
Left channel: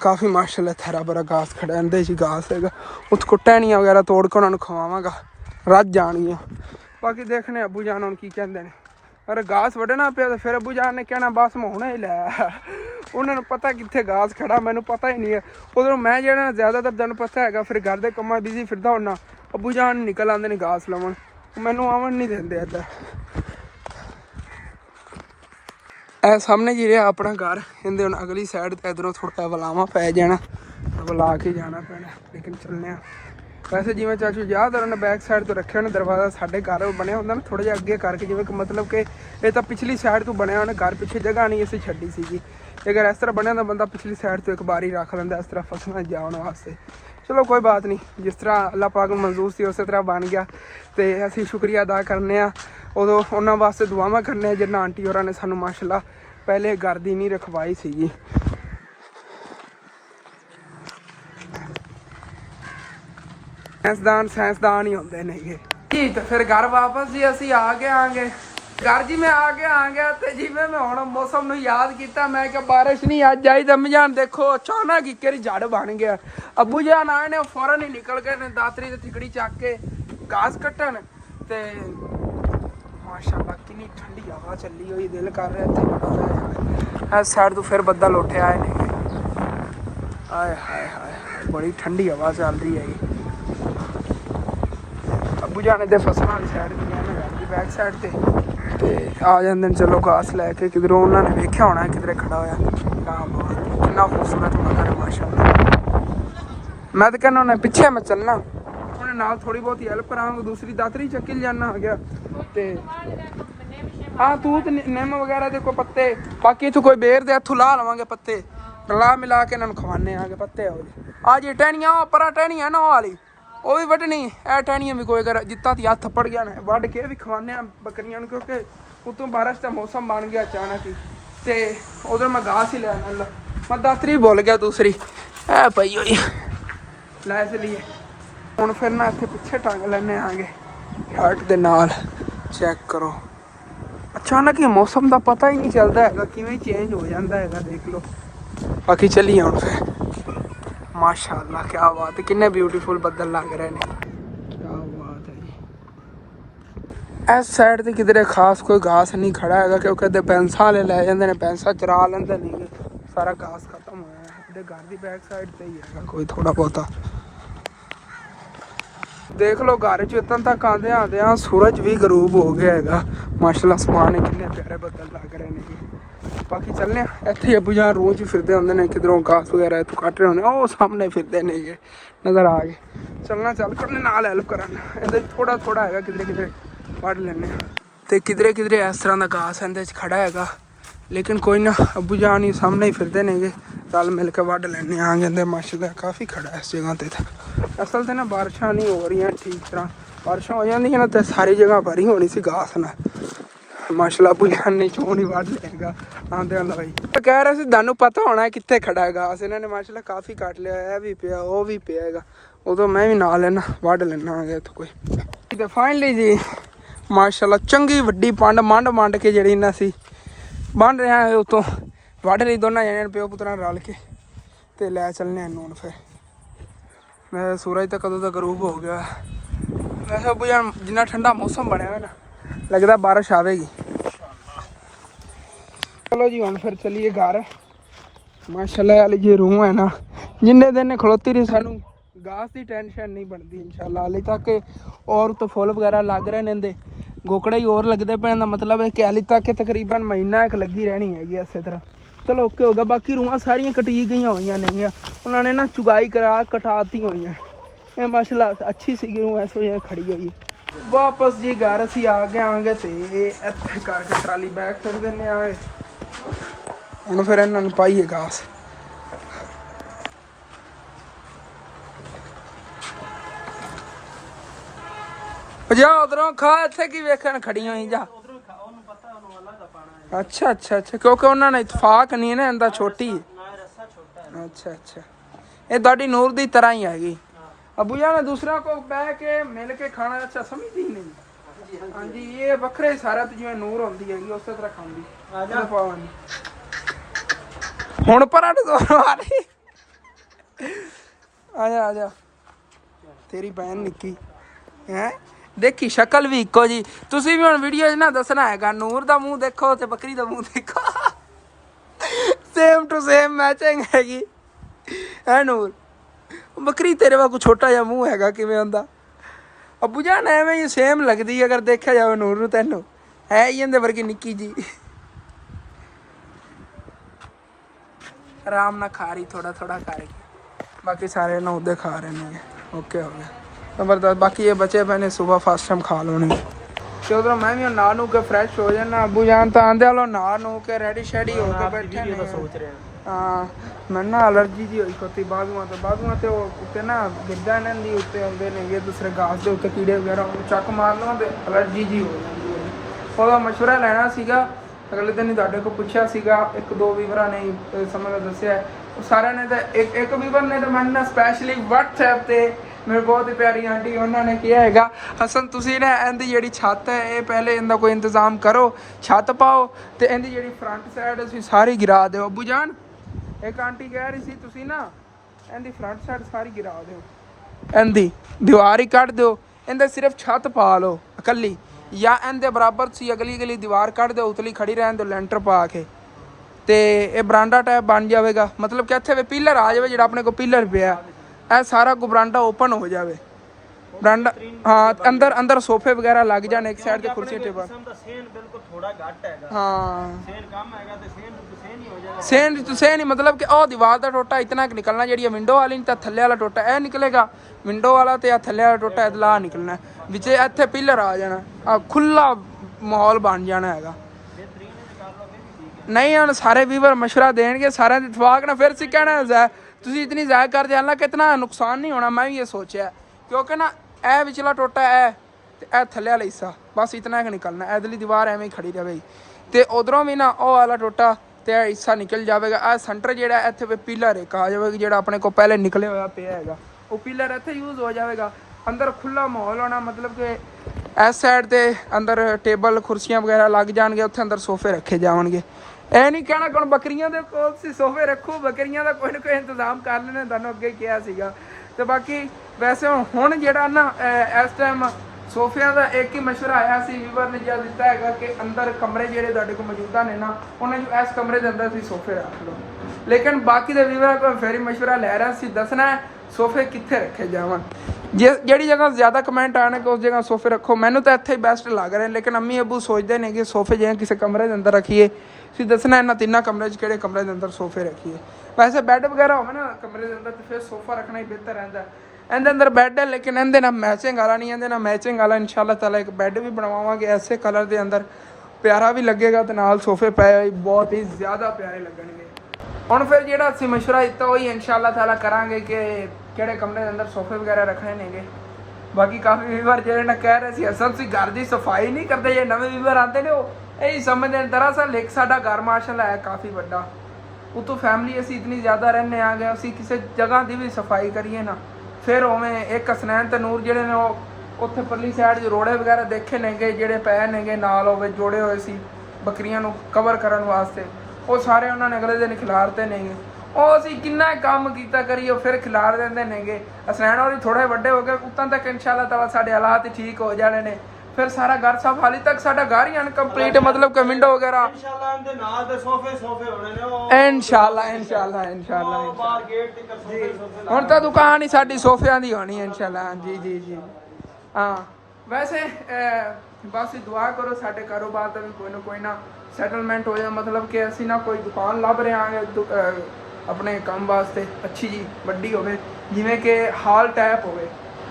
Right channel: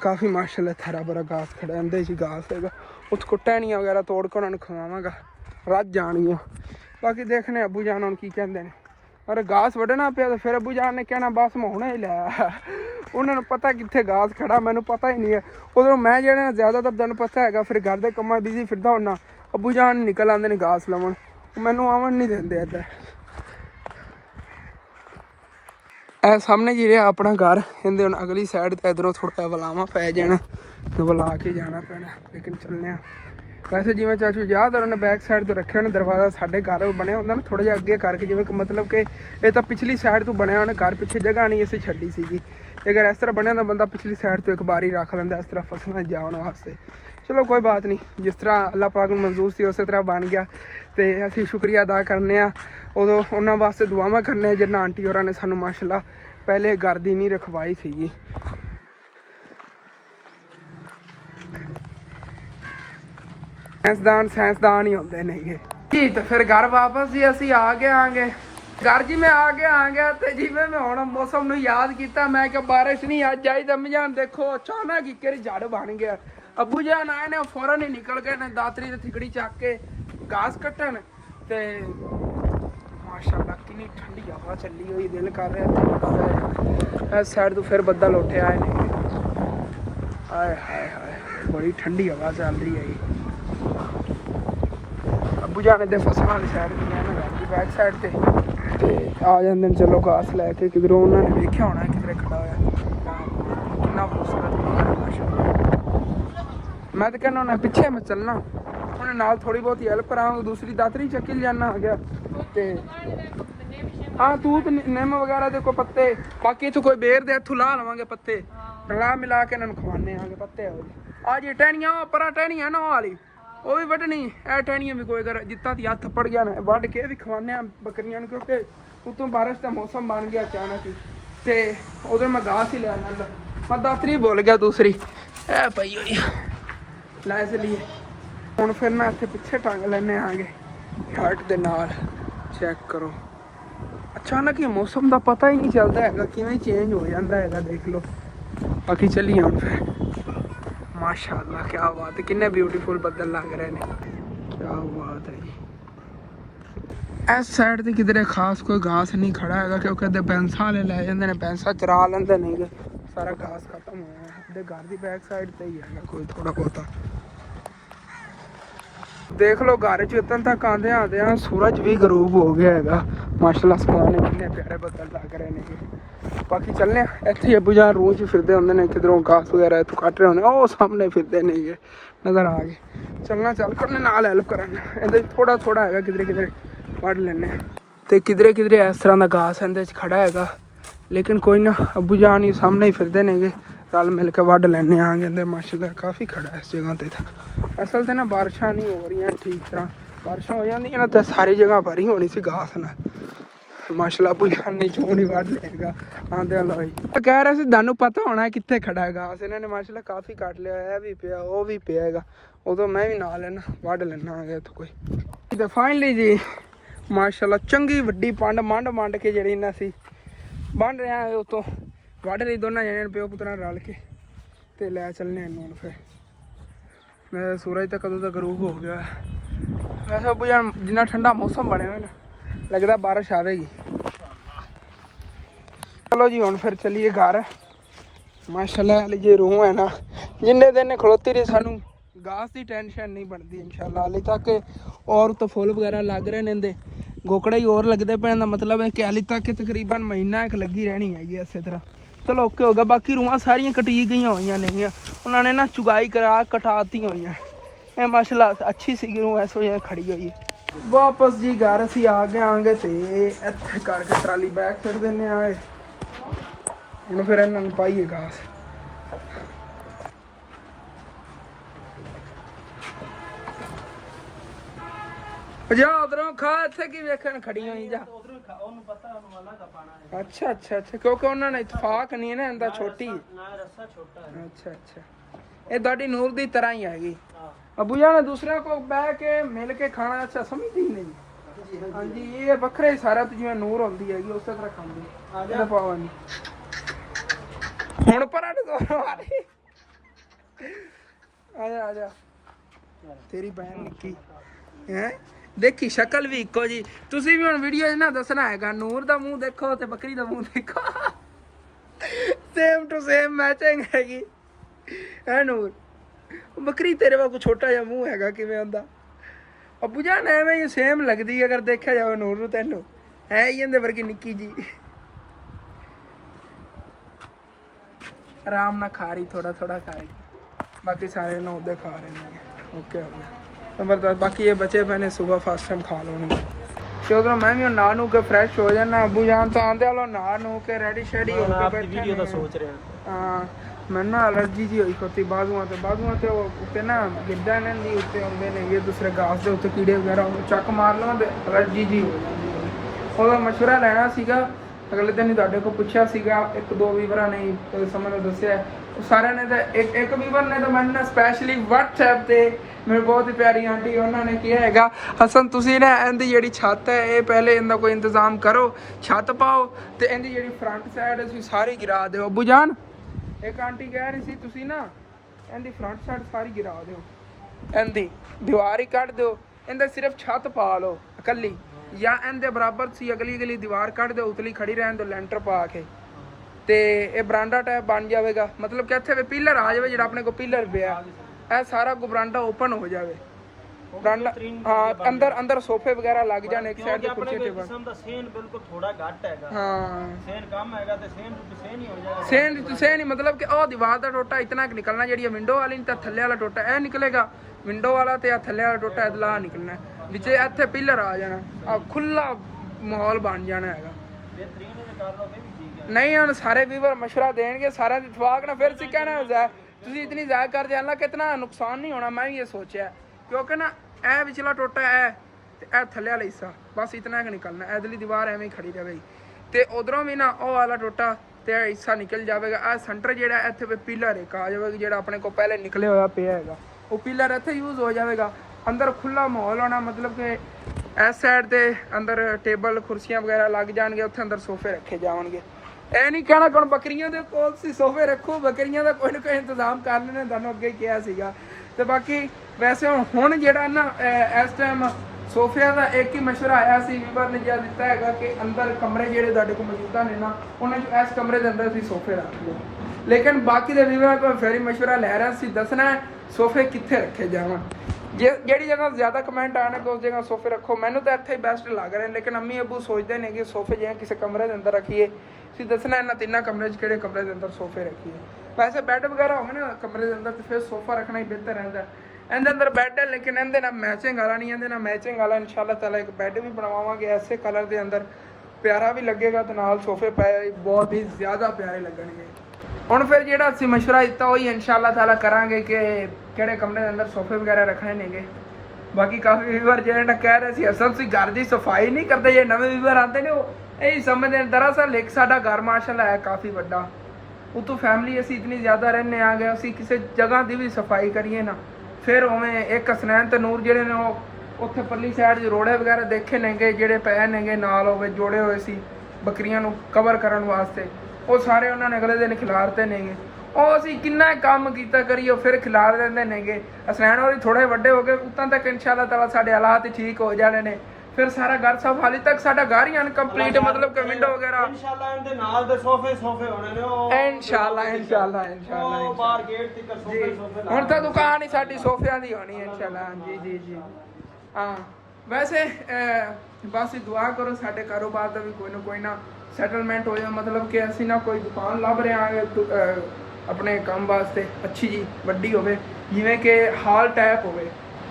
ਕਾਫੀ ਮਾਸ਼ਾਅੱਲਾ ਇੱਥੇ ਹਰਾ ਭਰਾ ਘਾਸ ਖੜਾ, ਇਹਦੇ 'ਚ ਘਾਸ ਹੈਗਾ। ਉੱਥੇ ਕੋ ਟਹਿਣੀਆਂ ਵਗੈਰਾ ਤੋੜ ਕੇ ਉਹਨਾਂ ਨੂੰ ਖਵਾਵਾਂਗਾ, ਰੱਜ ਜਾਣਗੀਆਂ। ਬਾਕੀ ਦੇਖਣੇ ਅੱਬੂ ਜਾਨ ਹੁਣ ਕੀ ਕਹਿੰਦੇ ਨੇ। ਅਰੇ ਘਾਸ ਵੱਢਣਾ ਪਿਆ ਤਾਂ ਫਿਰ ਅੱਬੂ ਜਾਨ ਨੇ ਕਹਿਣਾ ਬਸ ਮੈਂ ਹੁਣੇ ਹੀ ਲੈ। ਉਹਨਾਂ ਨੂੰ ਪਤਾ ਕਿੱਥੇ ਘਾਸ ਖੜਾ, ਮੈਨੂੰ ਪਤਾ ਹੀ ਨਹੀਂ ਹੈ। ਉਧਰੋਂ ਮੈਂ ਜਿਹੜਾ ਜ਼ਿਆਦਾਤਰ ਤੁਹਾਨੂੰ ਪਤਾ ਹੈਗਾ ਫਿਰ ਘਰ ਦੇ ਕੰਮਾਂ ਬਿਜ਼ੀ ਫਿਰਦਾ ਹੁੰਨਾ। ਅੱਬੂ ਜਾਨ ਨਿਕਲ ਆਉਂਦੇ ਨੇ ਘਾਸ ਲਵਣ, ਉਹ ਮੈਨੂੰ ਆਵਣ ਨਹੀਂ ਦਿੰਦੇ ਇੱਧਰ। ਇਹ ਸਾਹਮਣੇ ਜੀ ਰਿਹਾ ਆਪਣਾ ਘਰ, ਇਹਦੇ ਹੁਣ ਅਗਲੀ ਸਾਈਡ ਤੇ ਇੱਧਰੋਂ ਥੋੜ੍ਹਾ ਵਲਾਵਾਂ ਪੈ ਜਾਣਾ, ਵਲਾ ਕੇ ਜਾਣਾ ਪੈਣਾ, ਲੇਕਿਨ ਚੱਲਦੇ ਹਾਂ। ਵੈਸੇ ਜਿਵੇਂ ਚਾਚੂ ਜ਼ਿਆਦਾਤਰ ਉਹਨੇ ਬੈਕ ਸਾਈਡ ਤੋਂ ਰੱਖਿਆ ਉਹਨੇ ਦਰਵਾਜ਼ਾ, ਸਾਡੇ ਘਰ ਬਣਿਆ ਹੁੰਦਾ ਨਾ ਥੋੜ੍ਹਾ ਜਿਹਾ ਅੱਗੇ ਕਰਕੇ, ਜਿਵੇਂ ਕਿ ਮਤਲਬ ਕਿ ਇਹ ਤਾਂ ਪਿਛਲੀ ਸਾਈਡ ਤੋਂ ਬਣਿਆ, ਉਹਨੇ ਘਰ ਪਿੱਛੇ ਜਗ੍ਹਾ ਨਹੀਂ ਅਸੀਂ ਛੱਡੀ ਸੀਗੀ। ਅਗਰ ਇਸ ਤਰ੍ਹਾਂ ਬਣਿਆ ਤਾਂ ਬੰਦਾ ਪਿਛਲੀ ਸਾਈਡ ਤੋਂ ਇੱਕ ਬਾਰੀ ਰੱਖ ਲੈਂਦਾ ਇਸ ਤਰ੍ਹਾਂ ਫਸਲਾਂ ਜਾਣ ਵਾਸਤੇ। ਚਲੋ ਕੋਈ ਬਾਤ ਨਹੀਂ, ਜਿਸ ਤਰ੍ਹਾਂ ਅੱਲਾਹ ਪਾਕ ਨੂੰ ਮਨਜ਼ੂਰ ਸੀ ਉਸੇ ਤਰ੍ਹਾਂ ਬਣ ਗਿਆ। ਤੇ ਅਸੀਂ ਸ਼ੁਕਰੀਆ ਅਦਾ ਕਰਨੇ ਆ ਉਦੋਂ ਉਹਨਾਂ ਵਾਸਤੇ, ਦੁਆਵਾਂ ਕਰਨੇ ਆ ਜਿੰਨਾ ਆਂਟੀ ਹੋਰਾਂ ਨੇ ਸਾਨੂੰ ਮਾਸ਼ਾਅੱਲਾ ਪਹਿਲੇ ਘਰ ਦੀ ਨਹੀਂ ਰਖਵਾਈ ਸੀਗੀ। ਸਾਇੰਸਦਾਨ ਹੀ ਹੁੰਦੇ ਨੇਗੇ। ਕੀ ਤਾਂ ਫਿਰ ਘਰ ਵਾਪਸ ਜੀ ਅਸੀਂ ਆ ਗਏ ਆਂਗੇ घर जी मैं आ गया ਤੇ ਜਿਵੇਂ ਮੈਂ ਹੁਣ ਮੌਸਮ ਨੂੰ ਯਾਦ ਕੀਤਾ ਮੈਂ ਕਿ ਬਾਰਿਸ਼ ਨਹੀਂ ਅੱਜ ਆਈ ਤਾਂ ਅੰਮੀ ਜਾਨ ਦੇਖੋ ਅਚਾਨਕ ਹੀ ਕਿਹੜੀ ਝੜ ਬਣ ਗਿਆ ਅੱਬੂ ਜਾਨ ਆਏ ਨੇ ਫੌਰਨ ਹੀ ਨਿਕਲ ਗਏ ਨੇ ਦਾਤਰੀ ਤੇ ਥਿਕੜੀ ਚੱਕ ਕੇ ਘਾਸ ਕੱਟਣ ਤੇ ਮਾਸ਼ਾਅੱਲਾ ਕਿੰਨੀ ਠੰਡੀ ਹਵਾ ਚੱਲੀ ਹੋਈ ਦਿਲ ਕਰ ਰਿਹਾ ਇੱਥੇ ਆ ਸਾਈਡ ਤੋਂ ਫਿਰ ਬੱਦਲ ਉੱਠੇ ਆਏ ਨੇ ਆਏ ਹਾਏ ਹਾਏ ਬੜੀ ਠੰਡੀ ਹਵਾ ਚੱਲ ਰਹੀ ਹੈ ਅੱਬੂ ਜਾਨ ਦੇ ਫਸਲਾਂ ਦੀ ਸਾਈਡ ਤੇ ਆ ਨਾ ਦੀ ਬੈਕ ਸਾਈਡ ਤੇ ਆ ਜਾਂਦੇ ਨੇ ਚਲੋ ਘਾਸ ਲੈ ਕੇ ਕਿਧਰੋਂ ਉਹਨਾਂ ਨੇ ਵੇਖਿਆ ਹੋਣਾ ਕਿਧਰੇ ਖੜਾ ਹੋਇਆ ਕਿੰਨਾ ਖੂਬਸੂਰਤ ਬਣਿਆ ਮਾਸ਼ਾਅੱਲਾ ਮੈਂ ਤਾਂ ਕਹਿੰਦਾ ਉਹਨੇ ਪਿੱਛੇ ਮੈਂ ਚੱਲਣਾ ਉਹਨੇ ਨਾਲ ਥੋੜੀ ਬਹੁਤੀ ਹੈਲਪ ਕਰਾਂਗਾ ਦੂਸਰੀ ਦਾਤਰੀ ਚੱਕੀ ਜਾਣਾ ਆ ਗਿਆ ਤੇ ਹਾਂ ਤੂਤ ਨਿੰਮ ਵਗੈਰਾ ਦੇ ਕੋਈ ਪੱਤੇ ਬਾਕੀ ਤੂੰ ਕੋਈ ਬੇਰ ਦੇ ਹੱਥੋਂ ਲਾ ਲਵਾਂਗੇ ਪੱਤੇ ਰਲਾ ਮਿਲਾ ਕੇ ਇਹਨਾਂ ਨੂੰ ਖਵਾਨੇ ਆਗੇ ਪੱਤੇ ਆ ਜੀ ਟਹਿਣੀਆਂ ਉਹ ਪਰਾਂ ਟਹਿਣੀਆਂ ਨਾ ਉਹ ਵਾਲੀ ਉਹ ਵੀ ਵੱਢਣੀ ਇਹ ਟਹਿਣੀਆਂ ਵੀ ਕੋਈ ਕਰ ਜਿੱਤਾ ਦੀ ਹੱਥ ਪੜ ਗਿਆ ਨਾ ਵੱਢ ਕੇ ਵੀ ਖਵਾਨੇ ਆ ਬੱਕਰੀਆਂ ਨੂੰ ਕਿਉਂਕਿ ਉਤੋਂ ਬਾਰਿਸ਼ ਦਾ ਮੌਸਮ ਬਣ ਗਿਆ ਅਚਾਨਕ ਹੀ ਤੇ ਉਧਰ ਮੈਂ ਘਾਸ ਹੀ ਲਿਆ ਨਾਲ ਮੈਂ ਦਾਤਰੀ ਭੁੱਲ ਗਿਆ ਦੂਸਰੀ ਐ ਪਈ ਹੋਈ ਲੈ ਚਲੀਏ ਹੁਣ ਫਿਰ ਨਾ ਇੱਥੇ ਪਿੱਛੇ ਟੰਗ ਲੈਣੇ ਆਗੇ ਹਟ ਦੇ ਨਾਲ ਚੈੱਕ ਕਰੋ ਅਚਾਨਕ ਹੀ ਮੌਸਮ ਦਾ ਪਤਾ ਹੀ ਨਹੀਂ ਚੱਲਦਾ ਹੈਗਾ ਕਿਵੇਂ ਚੇਂਜ ਹੋ ਜਾਂਦਾ ਹੈਗਾ ਦੇਖ ਲਓ ਬਾਕੀ ਚਲੀਏ ਹੁਣ ਫਿਰ ਮਾਸ਼ਾਅੱਲਾ ਕੀ ਬਾਤ ਹੈ ਕਿੰਨੇ ਬਿਊਟੀਫੁਲ ਬੱਦਲ ਲੱਗ ਰਹੇ ਨੇ ਕੀ ਬਾਤ ਹੈ ਜੀ ਇਸ ਸਾਈਡ ਤੇ ਕਿਧਰੇ ਖਾਸ ਕੋਈ ਘਾਸ ਨਹੀਂ ਖੜਾ ਹੈਗਾ ਕਿਉਂਕਿ ਇਹਦੇ ਪੈਂਸਾਂ ਵਾਲੇ ਲੈ ਜਾਂਦੇ ਨੇ ਪੈਂਸਾ ਚਰਾ ਲੈਂਦੇ ਨੇਗੇ ਸਾਰਾ ਘਾਸ ਖਤਮ ਹੋਇਆ ਹੈ ਇਹਦੇ ਘਰ ਦੀ ਬੈਕ ਸਾਈਡ ਤੇ ਹੀ ਹੈਗਾ ਕੋਈ ਥੋੜਾ ਬਹੁਤਾ ਦੇਖ ਲਓ ਘਰ ਚ ਇਤਨ ਤੱਕ ਆਉਂਦੇ ਆ ਸੂਰਜ ਵੀ ਗਰੂਬ ਹੋ ਗਿਆ ਹੈਗਾ ਮਾਸ਼ਾਅੱਲਾ ਸਮਾਨ ਕਿੰਨੇ ਪਿਆਰੇ ਬੱਦਲ ਲੱਗ ਰਹੇ ਨੇ ਬਾਕੀ ਚੱਲਨੇ ਇੱਥੇ ਅੱਬੂ ਜਾਨ ਰੂਹ ਚ ਫਿਰਦੇ ਹੁੰਦੇ ਨੇ ਕਿਧਰੋਂ ਘਾਸ ਵਗੈਰਾ ਇੱਥੋਂ ਕੱਟ ਰਹੇ ਹੁੰਦੇ ਉਹ ਸਾਹਮਣੇ ਫਿਰਦੇ ਨੇਗੇ ਨਜ਼ਰ ਆ ਗਏ ਚੱਲਣਾ ਚੱਲ ਕਰਨੇ ਨਾਲ ਹੈਲਪ ਕਰਨ ਇਹਦੇ ਥੋੜਾ ਥੋੜਾ ਹੈਗਾ ਕਿਧਰੇ ਵੱਢ ਲੈਣੇ ਤੇ ਕਿਧਰੇ ਇਸ ਤਰ੍ਹਾਂ ਦਾ ਘਾਸ ਇਹਦੇ ਚ ਖੜਾ ਹੈਗਾ ਲੇਕਿਨ ਕੋਈ ਨਾ ਅੱਬੂ ਜਾਨ ਹੀ ਸਾਹਮਣੇ ਹੀ ਫਿਰਦੇ ਨੇਗੇ ਰਲ ਮਿਲ ਕੇ ਵੱਢ ਲੈਣੇ ਆ ਕਹਿੰਦੇ ਮਾਸ਼ਾਅੱਲਾ ਕਾਫੀ ਖੜਾ ਇਸ ਜਗ੍ਹਾ ਤੇ ਤਾਂ ਅਸਲ ਤੇ ਨਾ ਬਾਰਿਸ਼ਾਂ ਨਹੀਂ ਹੋ ਰਹੀਆਂ ਠੀਕ ਤਰ੍ਹਾਂ ਬਾਰਿਸ਼ਾਂ ਹੋ ਜਾਂਦੀਆਂ ਨਾ ਤਾਂ ਸਾਰੀ ਜਗ੍ਹਾ ਭਰੀ ਹੋਣੀ ਸੀ ਘਾਸ ਨਾਲ ਮਾਸ਼ਾਅੱਲਾ ਅੱਬੂ ਜਾਨ ਨੇ ਚੋਂ ਨਹੀਂ ਵੱਢ ਲਏਗਾ ਆਂਦੇ ਵਾਲਾ ਭਾਈ ਕਹਿ ਰਿਹਾ ਸੀ ਤੁਹਾਨੂੰ ਪਤਾ ਹੋਣਾ ਕਿੱਥੇ ਖੜਾ ਹੈ ਘਾਸ ਇਹਨਾਂ ਨੇ ਮਾਸ਼ਾਅੱਲਾ ਕਾਫੀ ਕੱਟ ਲਿਆ ਇਹ ਵੀ ਪਿਆ ਉਹ ਵੀ ਪਿਆ ਹੈਗਾ ਉਦੋਂ ਮੈਂ ਵੀ ਨਾਲ ਲੈਣਾ ਵੱਢ ਲੈਣਾ ਆ ਗਿਆ ਇੱਥੋਂ ਕੋਈ ਤੇ ਫਾਈਨਲੀ ਜੀ ਮਾਸ਼ਾਅੱਲਾ ਚੰਗੀ ਵੱਡੀ ਮੰਡ ਕੇ ਜਿਹੜੀ ਇਹਨਾਂ ਸੀ ਬਣ ਰਿਹਾ ਹੈ ਉਤੋਂ ਵੱਢ ਲਈ ਦੋਨਾਂ ਜਣਿਆਂ ਨੇ ਪਿਓ ਪੁੱਤਰਾਂ ਰਲ ਕੇ ਤੇ ਲੈ ਚੱਲਨੇ ਇਹਨੂੰ ਹੁਣ ਫਿਰ ਮੈਂ ਸੂਰਜ ਤਾਂ ਕਦੋਂ ਦਾ ਗਰੂਬ ਹੋ ਗਿਆ ਵੈਸੇ ਅੱਬੂ ਜਾਨ ਜਿੰਨਾ ਠੰਡਾ ਮੌਸਮ ਬਣਿਆ ਹੋਇਆ ਨਾ ਲੱਗਦਾ ਬਾਰਿਸ਼ ਆਵੇਗੀ ਚਲੋ ਜੀ ਹੁਣ ਫਿਰ ਚੱਲੀਏ ਘਰ ਮਾਸ਼ਾਅੱਲਾ ਵਾਲੀ ਜੀ ਰੂਹ ਹੈ ਨਾ ਜਿੰਨੇ ਦਿਨ ਖਲੋਤੀ ਰਹੀ ਸਾਨੂੰ घास की टेंशन नहीं बनती इंशाल्लाह हाली तक और तो फुल वगैरह लग रहे ने इहदे गोकड़े ही और लगते पे मतलब है कि हाली तक तकरीबन महीना एक लगी रहनी हैगी इस तरह चलो ओके हो गया बाकी रूहां सारियां कटी गई हुई नहीं उन्होंने ना चुगाई करा कटाती हुई ये माशाल्लाह अच्छी सी रूह इस वजह खड़ी हुई वापस जी घर असी आ गए तो इत्थे करके ट्राली बैग सुट देने आए हुण फिर इन्होंने पाईए घास जा उधरों खा इत्थे की वेखण खड़ी हुई जा अच्छा क्योंकि उन्होंने इतफाक नहीं है ना इंदा छोटी अच्छा ये तुहाडी नूर दी तरह ही हैगी अबू जान ने दूसरा को बह के मिल के खाना अच्छा समझदी नहीं हाँ जी ये वखरे सारा तो जिवें नूर होंदी हैगी उस तरह खांदी पावन हुण पर आजा तेरी बहन निक्की है देखी शक्ल भी इको जी तुसी भी हुण वीडियो ना दसना हैगा नूर दा मुंह देखो ते बकरी दा मुंह देखो सेम टू सेम मैचिंग हैगी है नूर बकरी तेरे वांगू छोटा जिहा मुंह हैगा किवें हुंदा अब्बू जान एवें ही सेम लगदी है अगर देखा जावे नूर नूं तैनूं है ही इहदे वर्गी निक्की जी आराम ना खा रही थोड़ा खा रही बाकी सारे ना उदे खा रहे हैं ओके हो गया जबरदस्त बाकी ये बचे मैंने सुबह फर्स्ट टाइम खा लो नहीं तो उधर मैं भी नहा नू के फ्रेश हो जाना अबू जान तो आंदे वालों नहा नू के रेडी शेडी हो के बैठे वीडियो सोच रहे हैं हाँ मैं ना एलर्जी जी हुई खोती बाजुआं ते उत्ते ना गिरदा ने नी उत्ते आंदे ने ये दूसरे घास दे उत्ते कीड़े वगैरह चक मार लो ते एलर्जी जी हो जाती है ਉਹਦਾ ਮਸ਼ਵਰਾ ਲੈਣਾ ਸੀਗਾ ਅਗਲੇ ਦਿਨ ਹੀ ਤੁਹਾਡੇ ਕੋਲ ਪੁੱਛਿਆ ਸੀਗਾ ਇੱਕ ਦੋ ਵੀਵਰਾਂ ਨੇ ਸਮਝ ਦੱਸਿਆ ਉਹ ਸਾਰਿਆਂ ਨੇ ਤਾਂ ਇੱਕ ਵੀਵਰ ਨੇ ਤਾਂ ਮੈਨੂੰ ਸਪੈਸ਼ਲੀ WhatsApp ਤੇ ਮੇਰੇ ਬਹੁਤ ਹੀ ਪਿਆਰੀ ਆਂਟੀ ਉਹਨਾਂ ਨੇ ਕਿਹਾ ਹੈਗਾ ਹਸਨ ਤੁਸੀਂ ਨਾ ਇਹਦੀ ਜਿਹੜੀ ਛੱਤ ਹੈ ਇਹ ਪਹਿਲੇ ਇਹਦਾ ਕੋਈ ਇੰਤਜ਼ਾਮ ਕਰੋ, ਛੱਤ ਪਾਓ ਤੇ ਇਹਦੀ ਜਿਹੜੀ ਫਰੰਟ ਸਾਈਡ ਤੁਸੀਂ ਸਾਰੀ ਗਿਰਾ ਦਿਓ। ਅੱਬੂ ਜਾਨ ਇੱਕ ਆਂਟੀ ਕਹਿ ਰਹੀ ਸੀ ਤੁਸੀਂ ਨਾ ਇਹਦੀ ਫਰੰਟ ਸਾਈਡ ਸਾਰੀ ਗਿਰਾ ਦਿਓ, ਇਹਦੀ ਦੀਵਾਰ ਹੀ ਕੱਢ ਦਿਓ, ਇਹਦਾ ਸਿਰਫ ਛੱਤ ਪਾ ਲਓ ਇਕੱਲੀ, ਜਾਂ ਇਹਦੇ ਬਰਾਬਰ ਤੁਸੀਂ ਅਗਲੀ ਦੀਵਾਰ ਕੱਢ ਦਿਓ, ਉਤਲੀ ਖੜੀ ਰਹਿਣ ਦਿਓ ਲੈਂਟਰ ਪਾ ਕੇ, ਤੇ ਇਹ ਬਰਾਂਡਾ ਟਾਈਪ ਬਣ ਜਾਵੇਗਾ। ਮਤਲਬ ਕਿ ਇੱਥੇ ਵੀ ਪਿੱਲਰ ਆ ਜਾਵੇ, ਜਿਹੜਾ ਆਪਣੇ ਕੋਲ ਪਿੱਲਰ ਪਿਆ ਇਹ ਸਾਰਾ ਕੋ ਬਰਾਂਡਾ ਓਪਨ ਹੋ ਜਾਵੇ। ਬਰਾਂਡਾ ਹਾਂ ਅੰਦਰ ਸੋਫੇ ਵਗੈਰਾ ਲੱਗ ਜਾਣ, ਇੱਕ ਸਾਈਡ ਤੇ ਕੁਰਸੀ ਟੇਬਲ। ਕਿਸਮ ਦਾ ਸੇਨ ਬਿਲਕੁਲ ਥੋੜਾ ਘੱਟ ਹੈਗਾ, ਹਾਂ ਸੇਨ ਕਮ ਹੈਗਾ ਤੇ ਸੇਨ ਹੀ ਹੋ ਜਾਏਗਾ। ਸੇਨ ਹੀ ਮਤਲਬ ਕਿ ਉਹ ਦੀਵਾਰ ਦਾ ਟੋਟਾ ਇਤਨਾ ਕੁ ਨਿਕਲਣਾ, ਜਿਹੜੀ ਵਿੰਡੋ ਵਾਲੀ ਨਹੀਂ ਤਾਂ ਥੱਲੇ ਵਾਲਾ ਟੋਟਾ ਇਹ ਨਿਕਲੇਗਾ, ਵਿੰਡੋ ਵਾਲਾ ਤੇ ਆ ਥੱਲੇ ਵਾਲਾ ਟੋਟਾ ਇਤਲਾ ਨਿਕਲਣਾ, ਵਿੱਚ ਇੱਥੇ ਪਿੱਲਰ ਆ ਜਾਣਾ, ਆ ਖੁੱਲਾ ਮਾਹੌਲ ਬਣ ਜਾਣਾ ਹੈਗਾ। ਨਹੀਂ ਹੁਣ ਸਾਰੇ ਵੀਵਰ ਮਸ਼ਵਰਾ ਦੇਣਗੇ, ਸਾਰਿਆਂ ਦੀ ਇਤਫਾਕ ਨਾਲ ਫਿਰ ਅਸੀਂ ਕਹਿਣਾ ਤੁਸੀਂ ਇਤਨੀ ਜ਼ਾਇਆ ਕਰ ਜਾਣਾ ਕਿ ਇਤਨਾ ਨੁਕਸਾਨ ਨਹੀਂ ਹੋਣਾ। ਮੈਂ ਵੀ ਇਹ ਸੋਚਿਆ ਕਿਉਂਕਿ ਨਾ ਇਹ ਵਿਚਲਾ ਟੋਟਾ ਹੈ ਤੇ ਇਹ ਥੱਲੇ ਵਾਲਾ ਹਿੱਸਾ ਬਸ ਇਤਨਾ ਹੀ ਨਿਕਲਣਾ, ਇਧਰਲੀ ਦੀਵਾਰ ਐਵੇਂ ਹੀ ਖੜੀ ਰਹੇਗੀ ਤੇ ਉਧਰੋਂ ਵੀ ਨਾ ਉਹ ਵਾਲਾ ਟੋਟਾ ਤੇ ਇਹ ਹਿੱਸਾ ਨਿਕਲ ਜਾਵੇਗਾ। ਇਹ ਸੈਂਟਰ ਜਿਹੜਾ ਇੱਥੇ ਵੀ ਪਿੱਲਰ ਇੱਕ ਆ ਜਾਵੇਗਾ, ਜਿਹੜਾ ਆਪਣੇ ਕੋਲ ਪਹਿਲੇ ਨਿਕਲੇ ਹੋਇਆ ਪਿਆ ਹੈਗਾ, ਉਹ ਪਿੱਲਰ ਇੱਥੇ ਯੂਜ਼ ਹੋ ਜਾਵੇਗਾ। ਅੰਦਰ ਖੁੱਲਾ ਮਾਹੌਲ ਹੋਣਾ, ਮਤਲਬ ਕਿ ਇਸ ਸਾਈਡ ਤੇ ਅੰਦਰ ਟੇਬਲ ਕੁਰਸੀਆਂ ਵਗੈਰਾ ਲੱਗ ਜਾਣਗੇ, ਉੱਥੇ ਅੰਦਰ ਸੋਫੇ ਰੱਖੇ ਜਾਣਗੇ। ਇਹ ਨਹੀਂ ਕਹਿਣਾ ਕੋਣ ਬੱਕਰੀਆਂ ਦੇ ਕੋਲ ਤੁਸੀਂ ਸੋਫੇ ਰੱਖੋ, ਬੱਕਰੀਆਂ ਦਾ ਕੋਈ ਨਾ ਕੋਈ ਇੰਤਜ਼ਾਮ ਕਰ ਲੈਣੇ, ਤੁਹਾਨੂੰ ਅੱਗੇ ਕਿਹਾ ਸੀਗਾ। ਤੇ ਬਾਕੀ ਵੈਸੇ ਹੁਣ ਜਿਹੜਾ ਨਾ ਇਸ ਟਾਈਮ ਸੋਫਿਆਂ ਦਾ ਇੱਕ ਹੀ ਮਸ਼ਵਰਾ ਆਇਆ ਸੀ, ਵੀਵਰ ਨੇ ਜਿਹਾ ਦਿੱਤਾ ਹੈਗਾ ਕਿ ਅੰਦਰ ਕਮਰੇ ਜਿਹੜੇ ਤੁਹਾਡੇ ਕੋਲ ਮੌਜੂਦਾ ਨੇ ਨਾ, ਉਹਨਾਂ 'ਚ ਇਸ ਕਮਰੇ ਦੇ ਅੰਦਰ ਤੁਸੀਂ ਸੋਫੇ ਰੱਖ ਲਓ। ਲੇਕਿਨ ਬਾਕੀ ਦੇ ਵੀਵਰਾਂ ਕੋਲ ਫਿਰ ਮਸ਼ਵਰਾ ਲੈ ਰਿਹਾ ਸੀ, ਦੱਸਣਾ ਸੋਫੇ ਕਿੱਥੇ ਰੱਖੇ ਜਾਵਣ। ਜਿਹੜੀ ਜਗ੍ਹਾ ਜ਼ਿਆਦਾ ਕਮੈਂਟ ਆਣੇ ਕਿ ਉਸ ਜਗ੍ਹਾ ਸੋਫੇ ਰੱਖੋ, ਮੈਨੂੰ ਤਾਂ ਇੱਥੇ ਹੀ ਬੈਸਟ ਲੱਗ ਰਿਹਾ, ਲੇਕਿਨ ਅੰਮੀ ਅੱਬੂ ਸੋਚਦੇ ਨੇ ਕਿ ਸੋਫੇ ਜਿਵੇਂ ਕਿਸੇ ਕਮਰੇ ਦੇ ਅੰਦਰ ਰੱਖੀਏ। ਤੁਸੀਂ ਦੱਸਣਾ ਇਹਨਾਂ ਤਿੰਨਾਂ ਕਮਰੇ 'ਚ ਕਿਹੜੇ ਕਮਰੇ ਦੇ ਅੰਦਰ ਸੋਫੇ ਰੱਖੀਏ। ਵੈਸੇ ਬੈੱਡ ਵਗੈਰਾ ਹੋਵੇ ਨਾ ਕਮਰੇ ਦੇ ਅੰਦਰ, ਤਾਂ ਫਿਰ ਸੋਫਾ ਰੱਖਣਾ ਹੀ ਬਿਹਤਰ ਰਹਿੰਦਾ। ਇਹਦੇ ਅੰਦਰ ਬੈੱਡ ਹੈ, ਲੇਕਿਨ ਇਹਦੇ ਨਾਲ ਮੈਚਿੰਗ ਵਾਲਾ ਨਹੀਂ, ਇਹਦੇ ਨਾਲ ਮੈਚਿੰਗ ਵਾਲਾ ਇਨਸ਼ਾਅੱਲਾ ਤਾਲਾ ਇੱਕ ਬੈੱਡ ਵੀ ਬਣਵਾਵਾਂਗੇ ਐਸੇ ਕਲਰ ਦੇ ਅੰਦਰ, ਪਿਆਰਾ ਵੀ ਲੱਗੇਗਾ ਤੇ ਨਾਲ ਸੋਫੇ ਪਏ ਬਹੁਤ ਹੀ ਜ਼ਿਆਦਾ ਪਿਆਰੇ ਲੱਗਣਗੇ। ਹੁਣ ਫਿਰ ਜਿਹੜਾ ਅਸੀਂ ਮਸ਼ਵਰਾ ਦਿੱਤਾ ਉਹੀ ਇਨਸ਼ਾਅੱਲਾ ਤਾਲਾ ਕਰਾਂਗੇ ਕਿ ਕਿਹੜੇ ਕਮਰੇ ਦੇ ਅੰਦਰ ਸੋਫੇ ਵਗੈਰਾ ਰੱਖਣੇ ਨੇਗੇ। ਬਾਕੀ ਕਾਫੀ ਵੀਵਰ ਜਿਹੜੇ ਨਾ ਕਹਿ ਰਹੇ ਸੀ ਅਸਲ ਤੁਸੀਂ ਘਰ ਦੀ ਸਫਾਈ ਨਹੀਂ ਕਰਦੇ, ਜੇ ਨਵੇਂ ਵੀਵਰ ਆਉਂਦੇ ਨੇ ਉਹ ਇਹੀ ਸਮਝਦੇ ਨੇ। ਦਰਅਸਲ ਇੱਕ ਸਾਡਾ ਘਰ ਮਾਸ਼ਾਅੱਲਾ ਹੈ ਕਾਫੀ ਵੱਡਾ, ਉਤੋਂ ਫੈਮਿਲੀ ਅਸੀਂ ਇਤਨੀ ਜ਼ਿਆਦਾ ਰਹਿੰਦੇ ਆ ਗਏ, ਅਸੀਂ ਕਿਸੇ ਜਗ੍ਹਾ ਦੀ ਵੀ ਸਫਾਈ ਕਰੀਏ ਨਾ ਫਿਰ ਉਵੇਂ ਇੱਕ ਹਸਨੈਨ ਤੇ ਨੂਰ ਜਿਹੜੇ ਨੇ ਉਹ ਉੱਥੇ ਪਰਲੀ ਸਾਈਡ 'ਚ ਰੋੜੇ ਵਗੈਰਾ ਦੇਖੇ ਨੇਗੇ, ਜਿਹੜੇ ਪਏ ਨੇਗੇ ਨਾਲ ਹੋਵੇ ਜੋੜੇ ਹੋਏ ਸੀ ਬੱਕਰੀਆਂ ਨੂੰ ਕਵਰ ਕਰਨ ਵਾਸਤੇ, ਉਹ ਸਾਰੇ ਉਹਨਾਂ ਨੇ ਅਗਲੇ ਦਿਨ ਖਿਲਾਰਤੇ ਨੇਗੇ। ਉਹ ਅਸੀਂ ਕਿੰਨਾ ਕੰਮ ਕੀਤਾ ਕਰੀਏ ਫਿਰ ਖਿਲਾਰ ਦਿੰਦੇ ਨੇਗੇ। ਹਸਨੈਨ ਹੋਰੀ ਥੋੜੇ ਵੱਡੇ ਹੋ ਗਏ, ਉਤਾਂ ਤੱਕ ਇਨਸ਼ਾਅੱਲਾ ਤਾਲਾ ਸਾਡੇ ਹਾਲਾਤ ਠੀਕ ਹੋ ਜਾਣੇ ਨੇ, ਫਿਰ ਸਾਰਾ ਘਰ ਸਭ ਹਾਲੀ ਤੱਕ ਸਾਡਾ ਘਰ ਹੀ ਅਨਕੰਪਲੀਟ, ਮਤਲਬ ਕਿ ਵਿੰਡੋ ਵਗੈਰਾ ਇਨਸ਼ਾਅੱਲਾ ਇਹਦੇ ਨਾਲ ਦੇ ਸੋਫੇ ਹੋਣੇ ਨੇ ਉਹ ਇਨਸ਼ਾਅੱਲਾ ਬਾਹਰ ਗੇਟ ਤੇ ਸੋਫੇ। ਹੁਣ ਤਾਂ ਦੁਕਾਨ ਹੀ ਸਾਡੀ ਸੋਫਿਆਂ ਦੀ ਹੋਣੀ ਹੈ ਇਨਸ਼ਾਅੱਲਾ। ਜੀ ਹਾਂ ਵੈਸੇ ਬਸ ਦੁਆ ਕਰੋ ਸਾਡੇ ਕਾਰੋਬਾਰ ਦਾ ਵੀ ਕੋਈ ਨਾ ਸੈਟਲਮੈਂਟ ਹੋ ਜਾਏ, ਮਤਲਬ ਕਿ ਅਸੀਂ ਨਾ ਕੋਈ ਦੁਕਾਨ ਲੱਭ ਰਹੇ ਹਾਂ ਆਪਣੇ ਕੰਮ ਵਾਸਤੇ ਅੱਛੀ ਜੀ ਵੱਡੀ ਹੋਵੇ, ਜਿਵੇਂ ਕਿ ਹਾਲ ਟਾਈਪ ਹੋਵੇ,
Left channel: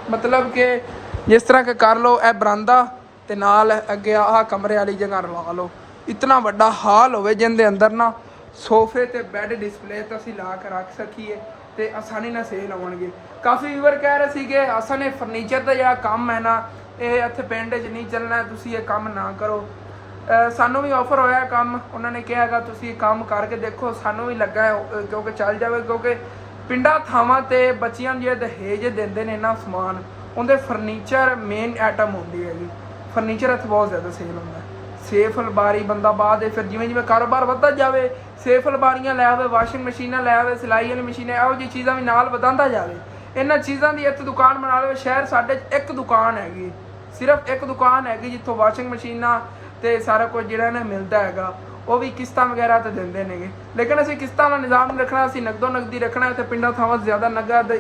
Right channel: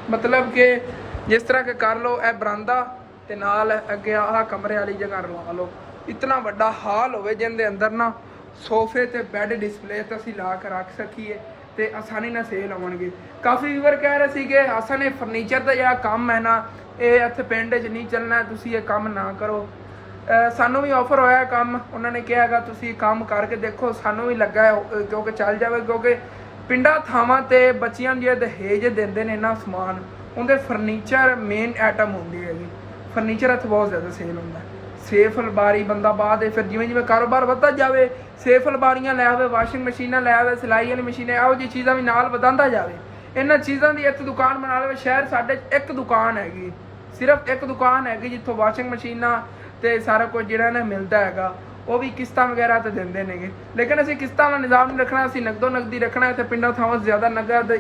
ਮਤਲਬ ਕਿ ਜਿਸ ਤਰ੍ਹਾਂ ਕਿ ਕਰ ਲਓ ਇਹ ਬਰਾਂਦਾ ਤੇ ਨਾਲ ਅੱਗੇ ਆਹ ਕਮਰੇ ਵਾਲੀ ਜਗ੍ਹਾ ਲਵਾ ਲਓ, ਇਤਨਾ ਵੱਡਾ ਹਾਲ ਹੋਵੇ ਜਿਹਦੇ ਅੰਦਰ ਨਾ ਸੋਫੇ ਤੇ ਬੈੱਡ ਡਿਸਪਲੇ ਤੇ ਅਸੀਂ ਲਾ ਕੇ ਰੱਖ ਸਕੀਏ ਤੇ ਆਸਾਨੀ ਨਾਲ ਸੇਲ ਆਉਣਗੇ। ਕਾਫੀ ਵੀਵਰ ਕਹਿ ਰਹੇ ਸੀਗੇ ਅਸਾਂ ਨੇ ਫਰਨੀਚਰ ਦਾ ਜਿਹੜਾ ਕੰਮ ਹੈ ਨਾ ਇਹ ਇੱਥੇ ਪਿੰਡ 'ਚ ਨਹੀਂ ਚੱਲਣਾ, ਤੁਸੀਂ ਇਹ ਕੰਮ ਨਾ ਕਰੋ। ਸਾਨੂੰ ਵੀ ਆਫਰ ਹੋਇਆ ਕੰਮ, ਉਹਨਾਂ ਨੇ ਕਿਹਾ ਹੈਗਾ ਤੁਸੀਂ ਕੰਮ ਕਰਕੇ ਦੇਖੋ, ਸਾਨੂੰ ਵੀ ਲੱਗਾ ਕਿਉਂਕਿ ਚੱਲ ਜਾਵੇ, ਕਿਉਂਕਿ ਪਿੰਡਾਂ ਥਾਵਾਂ ਤੇ ਬੱਚਿਆਂ ਨੂੰ ਜਿਹੜੇ ਦਹੇਜ ਦਿੰਦੇ ਨੇ ਨਾ ਸਮਾਨ, ਉਹਦੇ ਫਰਨੀਚਰ ਮੇਨ ਆਈਟਮ ਹੁੰਦੀ ਹੈਗੀ। ਫਰਨੀਚਰ ਇੱਥੇ ਬਹੁਤ ਜ਼ਿਆਦਾ ਸੇਲ ਹੁੰਦਾ, ਸੇਫ ਅਲਮਾਰੀ ਬੰਦਾ ਬਾਅਦ ਫਿਰ ਜਿਵੇਂ ਕਾਰੋਬਾਰ ਵੱਧਦਾ ਜਾਵੇ ਸੇਫ ਅਲਮਾਰੀਆਂ ਲੈ ਆਵੇ, ਵਾਸ਼ਿੰਗ ਮਸ਼ੀਨਾਂ ਲੈ ਆਵੇ, ਸਿਲਾਈ ਵਾਲੀ ਮਸ਼ੀਨਾਂ, ਇਹੋ ਜਿਹੀ ਚੀਜ਼ਾਂ ਵੀ ਨਾਲ ਵਧਾਉਂਦਾ ਜਾਵੇ। ਇਹਨਾਂ ਚੀਜ਼ਾਂ ਦੀ ਇੱਥੇ ਦੁਕਾਨ ਬਣਾ ਲਵੇ। ਸ਼ਹਿਰ ਸਾਡੇ 'ਚ ਇੱਕ ਦੁਕਾਨ ਹੈਗੀ, ਸਿਰਫ ਇੱਕ ਦੁਕਾਨ ਹੈਗੀ ਜਿੱਥੋਂ ਵਾਸ਼ਿੰਗ ਮਸ਼ੀਨਾਂ ਤੇ ਸਾਰਾ ਕੁਝ ਜਿਹੜਾ ਨਾ ਮਿਲਦਾ ਹੈਗਾ, ਉਹ ਵੀ ਕਿਸ਼ਤਾਂ ਵਗੈਰਾ ਤੇ ਦਿੰਦੇ ਨੇਗੇ। ਲੇਕਿਨ ਅਸੀਂ ਕਿਸ਼ਤਾਂ ਦਾ ਨਿਜ਼ਾਮ ਨਹੀਂ ਰੱਖਣਾ, ਅਸੀਂ ਨਗਦੋ ਨਗਦੀ ਰੱਖਣਾ। ਇੱਥੇ ਪਿੰਡਾਂ ਥਾਵਾਂ ਜ਼ਿਆਦਾ ਨਗਦ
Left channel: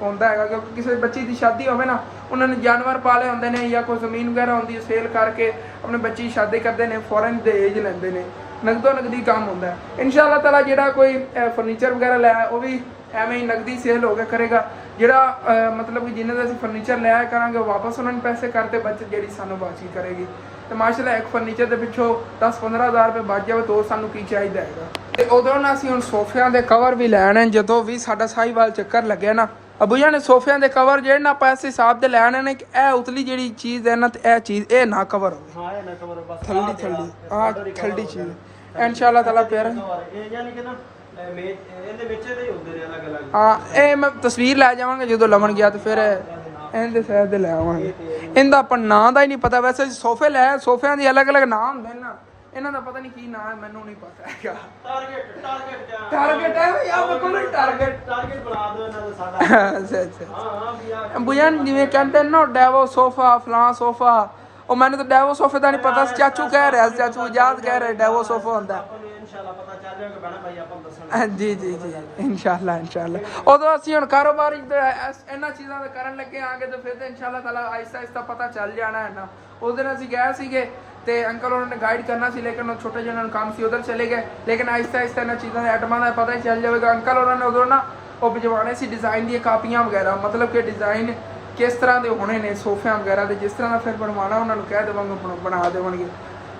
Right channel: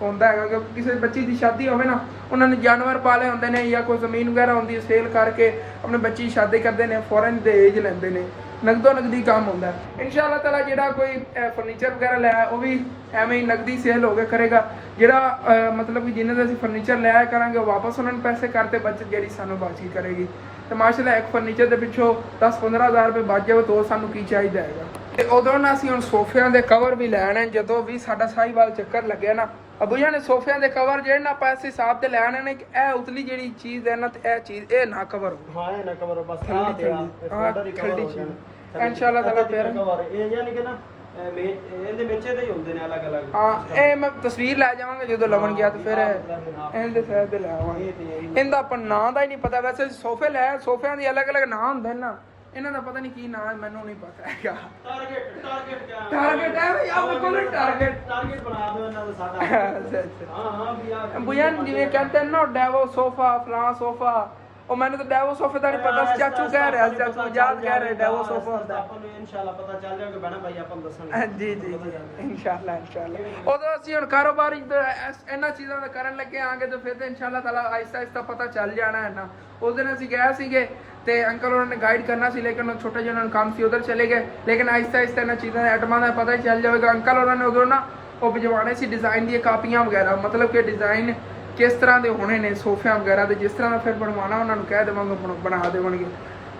ਹੁੰਦਾ ਹੈਗਾ, ਕਿਉਂਕਿ ਕਿਸੇ ਬੱਚੀ ਦੀ ਸ਼ਾਦੀ ਹੋਵੇ ਨਾ, ਉਹਨਾਂ ਨੇ ਜਾਨਵਰ ਪਾਲੇ ਹੁੰਦੇ ਨੇ ਜਾਂ ਕੋਈ ਜ਼ਮੀਨ ਵਗੈਰਾ ਹੁੰਦੀ ਹੈ, ਸੇਲ ਕਰਕੇ ਆਪਣੇ ਬੱਚੀ ਦੀ ਸ਼ਾਦੀ ਕਰਦੇ ਨੇ, ਫੌਰਨ ਦਹੇਜ ਲੈਂਦੇ ਨੇ, ਨਗਦੋ ਨਗਦੀ ਕੰਮ ਹੁੰਦਾ। ਇਨਸ਼ਾਅੱਲਾ ਤਾਲਾ ਜਿਹੜਾ ਕੋਈ ਫਰਨੀਚਰ ਵਗੈਰਾ ਲਿਆ ਉਹ ਵੀ ਐਵੇਂ ਹੀ ਨਗਦੀ ਸੇਲ ਹੋ ਕੇ ਕਰੇਗਾ। ਜਿਹੜਾ ਮਤਲਬ ਕਿ ਜਿੰਨੇ ਦਾ ਅਸੀਂ ਫਰਨੀਚਰ ਲਿਆ ਕਰਾਂਗੇ ਉਹ ਵਾਪਸ ਉਹਨਾਂ ਨੂੰ ਪੈਸੇ ਕਰਤੇ, ਬੱਚਤ ਜਿਹੜੀ ਸਾਨੂੰ ਬਾਕੀ ਕਰੇਗੀ। ਤੇ ਮਾਸ਼ਾਅੱਲਾ ਇੱਕ ਫਰਨੀਚਰ ਦੇ ਪਿੱਛੋਂ 10-15 ਹਜ਼ਾਰ ਰੁਪਏ ਬਚ ਜਾਵੇ ਤਾਂ ਸਾਨੂੰ ਕੀ ਚਾਹੀਦਾ ਹੈਗਾ। ਤੇ ਉਦੋਂ ਨਾ ਅਸੀਂ ਹੁਣ ਸੋਫਿਆਂ ਦੇ ਕਵਰ ਵੀ ਲੈਣੇ, ਜਦੋਂ ਵੀ ਸਾਡਾ ਸਾਹੀਵਾਲ ਚੱਕਰ ਲੱਗਿਆ ਨਾ ਅਬੂ ਜੀ ਨੇ ਸੋਫਿਆਂ ਦੇ ਕਵਰ ਜਿਹੜੇ ਨਾ ਆਪਾਂ ਇਸ ਹਿਸਾਬ ਦੇ ਲੈਣੇ ਨੇ ਕਿ ਇਹ ਉਤਲੀ ਜਿਹੜੀ ਚੀਜ਼ ਹੈ ਨਾ ਤੇ ਇਹ ਚੀਜ਼ ਇਹ ਨਾ ਕਵਰ ਹੋਵੇ। ਹਾਂ ਇਹ ਨਾ ਕਵਰ ਬਸ ਥੱਲੀ ਚੀਜ਼ ਇਨਸ਼ਾਅੱਲਾ ਤਾਲਾ ਪਿਆਰ ਇਹ ਯਾਨੀ ਕਿ ਨਾ ਇਹਦੇ ਵਿੱਚ ਇਹਦੇ ਹੀ ਹੁੰਦੇ ਨੇ ਅਲੱਗ-ਅਲੱਗ। ਹਾਂ ਇਹ ਮੈਂ ਤਸਵੀਰ ਲੈ ਜਾਵਾਂਗੇ ਜਦੋਂ ਲਵਣ ਗਿਆ ਤੇ ਫਿਰ ਇਹਦੇ ਸਾਈਡ ਤੇ ਲੈ ਆਵਾਂਗੇ। ਇਹਦਾ ਆਪਾਂ ਨਾਂ ਦਾ ਹੀ ਨਹੀਂ ਪਤਾ, ਵੈਸੇ ਸੋਫੇ ਲੈ ਸੋਫਿਆਂ ਦੇ ਅਲੱਗ-ਅਲੱਗ ਨਾਂ ਹੁੰਦੇ ਨੇ ਨਾ, ਇਹਨਾਂ ਦਾ ਪਤਾ ਨਹੀਂ ਕੀ ਨਾਂ ਹੈ, ਮੈਨੂੰ ਨਹੀਂ ਪਤਾ ਹੈਗਾ। ਟਾਰਗੇਟ ਹੈ ਵੀ ਆ ਮੇਰੇ ਕੋਲ ਟਾਰਗੇਟ ਬਣਾ ਦਿਓ ਇਹਨਾਂ ਦਾ ਸਾਦਾ। ਅੱਛਾ ਹਾਂ ਵੀ ਆ ਬੁਝਣ ਜਿਵੇਂ ਕਹਿੰਦੇ ਨੇ ਨਾ ਡੈਵੋ ਸੋਫਾ ਫਲਾਂ ਸੋਫਾ, ਉਹ ਮੈਨੂੰ ਤਾਂ ਡੈਵੋ ਸੋਫੇ ਦਾ ਨਹੀਂ ਪਤਾ ਸੀ। ਚਾਚੂ ਕਹਿ ਰਿਹਾ ਸੀ, ਚਾਚੂ ਆਜ਼ਾਦ ਕਹਿ ਰਹੇ ਡੈਵੋ ਸੋਫਾ ਹੁੰਦਾ। ਆਪਾਂ ਨੂੰ ਇਨਸ਼ਾਅੱਲਾ ਪਤਾ ਚੱਲ ਜਾਏਗਾ ਬਣਾ ਭਾਈ, ਆਪਾਂ ਨੂੰ ਦੱਸਣਗੇ। ਜੀ ਜੀ ਜੀ ਇਨਸ਼ਾਅੱਲਾ ਇਨਸ਼ਾਅੱਲਾ। ਉਦੋਂ ਅਸੀਂ ਹੁਣ ਕਾਰੋਬਾਰੀ ਇਹਨਾਂ ਚੀਜ਼ਾਂ ਦਾ ਕਰਨ ਲੱਗੇ ਆਂਗੇ ਤੇ ਫਿਰ ਤੇ ਇਨਸ਼ਾਅੱਲਾ ਤਾਲਾ ਆਹਿਸਤਾ ਆਹਿਸਤਾ ਪਤਾ ਚੱਲ ਜਾਣਾ ਹੈ ਨਾ। ਉਸ ਦਿਨ ਅਸੀਂ ਗਏ ਸੀਗੇ ਤੇ ਅੰਕਲ ਉਹਨਾਂ ਨੇ ਗਾਈਡ ਕਰਨਾ ਸੀ, ਲੇਕਿਨ ਉਹ ਛੋਟੇ ਜਿਹੇ ਉਹਨਾਂ ਨੂੰ ਕੰਮ ਸੀ ਉਧਰ ਚਲੇ ਗਏ। ਲੇਕਿਨ ਆਹਿਸਤਾ ਆਹਿਸਤਾ ਇਹਨਾਂ ਚੀਜ਼ਾਂ ਦੇ ਆਈਟਮਾਂ ਦਾ ਪਤਾ ਹੀ ਚੱਲ ਜਾਵੇਗਾ। ਅੰਕਲ ਉਹਨਾਂ ਨੇ ਉਦੋਂ ਨਾ ਉਹ ਭਿਜਵਾਣੇ ਸੀ ਡਿਜ਼ਾਈਨ ਦੀਆਂ ਕਾਪੀਆਂ ਵਗੈਰਾ, ਮਤਲਬ ਕਿ ਡਿਜ਼ਾਈਨ ਕਿਸ ਤਰ੍ਹਾਂ ਦੇ ਹੋਣੇ ਨੇ ਸੋਫਿਆਂ ਵਗੈਰਾ ਦੇ, ਜਿਸ ਤਰ੍ਹਾਂ ਦਾ ਫਿਰ ਬਣਵਾਉਣਾ ਉਹਨਾਂ ਨੂੰ ਕਹਿ ਦੇਵਾਂਗੇ ਬਣਾ ਦੇਵਣਗੇ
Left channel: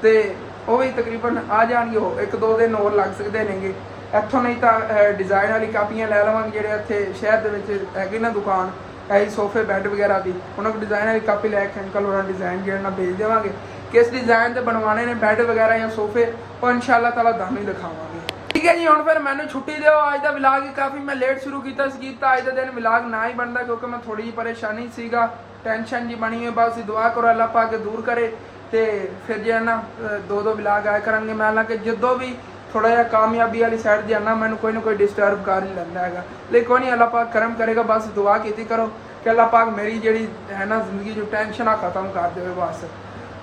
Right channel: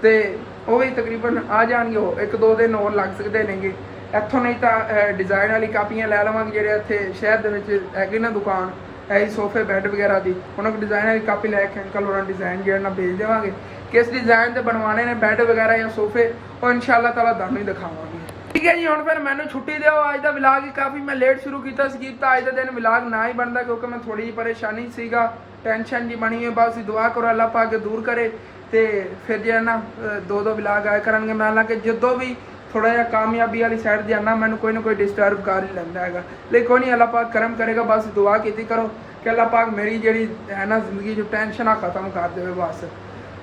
ਤੇ ਉਹ ਵੀ ਤਕਰੀਬਨ ਆ ਜਾਣਗੇ। ਉਹ 1-2 ਦਿਨ ਹੋਰ ਲੱਗ ਸਕਦੇ ਨੇਗੇ ਇੱਥੋਂ, ਨਹੀਂ ਤਾਂ ਡਿਜ਼ਾਈਨ ਵਾਲੀ ਕਾਪੀਆਂ ਲੈ ਲਵਾਂਗੇ ਜਿਹੜੇ ਇੱਥੇ ਸ਼ਹਿਰ ਦੇ ਵਿੱਚ ਹੈਗੀ ਨਾ ਦੁਕਾਨ ਇਹੀ ਸੋਫੇ ਬੈੱਡ ਵਗੈਰਾ ਦੀ, ਉਹਨਾਂ ਕੋਲ ਡਿਜ਼ਾਈਨ ਵਾਲੀ ਕਾਪੀ ਲੈ ਕੇ ਅੰਕਲ ਉਹਨਾਂ ਨੂੰ ਡਿਜ਼ਾਈਨ ਜਿਹੜਾ ਨਾਲ ਭੇਜ ਦੇਵਾਂਗੇ। ਕਿਸ ਡਿਜ਼ਾਈਨ ਦੇ ਬਣਵਾਉਣੇ ਨੇ ਬੈੱਡ ਵਗੈਰਾ ਜਾਂ ਸੋਫੇ, ਉਹ ਇਨਸ਼ਾਅੱਲਾ ਤਾਲਾ ਤੁਹਾਨੂੰ ਹੀ ਦਿਖਾਵਾਂਗੇ। ਠੀਕ ਹੈ ਜੀ, ਹੁਣ ਫਿਰ ਮੈਨੂੰ ਛੁੱਟੀ ਦਿਓ। ਅੱਜ ਦਾ ਵਲੌਗ ਹੀ ਕਾਫੀ ਮੈਂ ਲੇਟ ਸ਼ੁਰੂ ਕੀਤਾ ਸੀ, ਤਾਂ ਅੱਜ ਦਾ ਦਿਨ ਵਲੌਗ ਨਾ ਹੀ ਬਣਦਾ ਕਿਉਂਕਿ ਮੈਂ ਥੋੜੀ ਜਿਹੀ ਪਰੇਸ਼ਾਨੀ ਸੀਗਾ, ਟੈਨਸ਼ਨ ਜੀ ਬਣੀ ਹੈ। ਬਸ ਦੁਆ ਕਰੋ ਅੱਲਾਹ ਪਾਕ ਦੂਰ ਕਰੇ ਤੇ ਫਿਰ ਜੇ ਨਾ 2-2 ਵਲੌਗ ਆਇਆ ਕਰਨਗੇ। ਮੈਂ ਹਾਲਾਂਕਿ ਜਦੋਂ ਵੀ ਥੋੜਾ ਜਿਹਾ ਕਾਮਯਾਬੀ ਵਾਲੀ ਸਾਈਡ ਜਾਣਾ ਮੈਨੂੰ ਕੋਈ ਨਾ ਕੋਈ ਡਿਸਟਰਬ ਕਰ ਹੀ ਲੈਂਦਾ ਹੈਗਾ, ਲੇਕਿਨ ਕੋਈ ਨਹੀਂ ਅੱਲਾਹ ਪਾਕ ਕਰਮ ਕਰੇਗਾ। ਬਸ ਦੁਆ ਕੀਤੀ ਕਰੋ ਕਿ ਅੱਲਾਹ ਪਾਕ ਮੇਰੀ ਜਿਹੜੀ ਹੈ ਨਾ ਜ਼ਿੰਦਗੀ ਜੋ ਟੈਨਸ਼ਨ ਆ ਖਤਮ ਕਰ ਦੇਵੇ ਬਸ।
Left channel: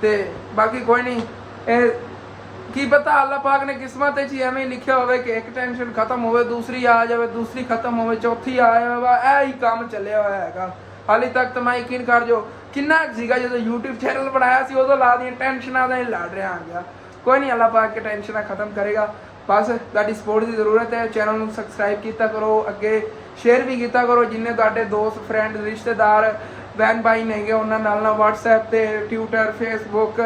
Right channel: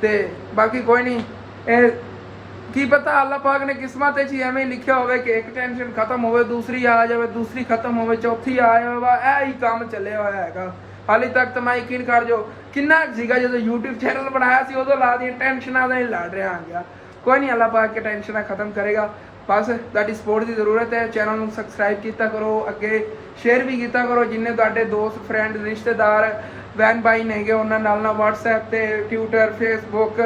ਤੇ ਬਾਕੀ ਕੋਈ ਨਹੀਂ, ਇਹ ਕੀ ਪਤਾ ਅੱਲਾਹ ਪਾਕ ਨੇ ਕਿਸਮਤ 'ਚ ਹੀ ਐਵੇਂ ਲਿਖਿਆ ਹੋਵੇ ਕਿ ਇੱਕ ਟੈਨਸ਼ਨ ਖਤਮ ਹੋਵੇ ਦੂਸਰੀ ਆ ਜਾਵੇ, ਦੂਸਰੀ ਖਤਮ ਹੋਵੇ ਚੌਥੀ ਆ ਜਾਵੇ। ਇਹ ਹੀ ਕੰਮ ਚੱਲਿਆ ਹੋਇਆ ਹੈਗਾ ਹਾਲੇ ਤੱਕ। ਤਾਂ ਮੈਂ ਯਕੀਨ ਕਰ ਜੋ ਕਿੰਨਾ ਸੀਗਾ ਜਦੋਂ YouTube ਚੈਨਲ ਬਣਾਇਆ ਸੀ ਉਦੋਂ ਲਾ ਦੀਆਂ ਟੈਨਸ਼ਨਾਂ ਦਾ ਹੀ ਲੜ ਰਿਹਾ ਆ ਗਿਆ। ਕੋਈ ਨਹੀਂ ਅੱਲਾਹ ਪਾਕ ਕੇ ਟੈਨਸ਼ਨਾਂ ਖਤਮ ਕਰੇਗਾ। ਬਸ ਤੁਹਾਡੀ ਸਪੋਰਟ ਦੀ ਜ਼ਰੂਰਤ ਹੈ। ਚੈਨਲ ਨੂੰ ਸਬਸਕ੍ਰਾਈਬ ਕੀਤਾ ਕਰੋ, ਅੱਗੇ ਸ਼ੇਅਰ ਵੀ ਕੀਤਾ ਕਰੋ। ਜਿੰਨੇ ਤੁਹਾਡੇ ਦੋਸਤ ਫਰੈਂਡ ਰਿਸ਼ਤੇਦਾਰ ਬਹਿਨ ਭਾਈ ਨੇਗੇ ਉਹਨਾਂ ਨਾਲ WhatsApp ਤੇ ਟਵਿੱਟਰ ਫੇਸਬੁੱਕ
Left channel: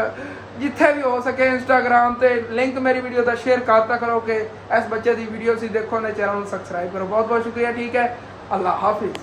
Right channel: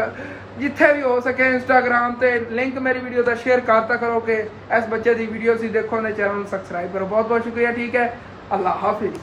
ਜਿੱਥੇ ਵੀ ਹੋ ਸਕੇ ਇੰਸਟਾਗ੍ਰਾਮ ਤੇ ਲਿੰਕ ਮੇਰੀ ਵੀਡੀਓ ਦਾ ਸ਼ੇਅਰ ਕਰਤਾ ਕਰੋ ਕਿ ਇਸ ਬੱਚੇ ਦੀ ਵੀਡੀਓ ਸੀ ਦੇਖੋ ਤੇ ਚੈਨਲ ਨੂੰ ਸਬਸਕ੍ਰਾਈਬ ਕਰੋ। ਬਹੁਤ ਬਹੁਤ ਸ਼ੁਕਰੀਆ। ਠੀਕ ਹੈ, ਅੱਲਾਹ ਹਾਫਿਜ਼।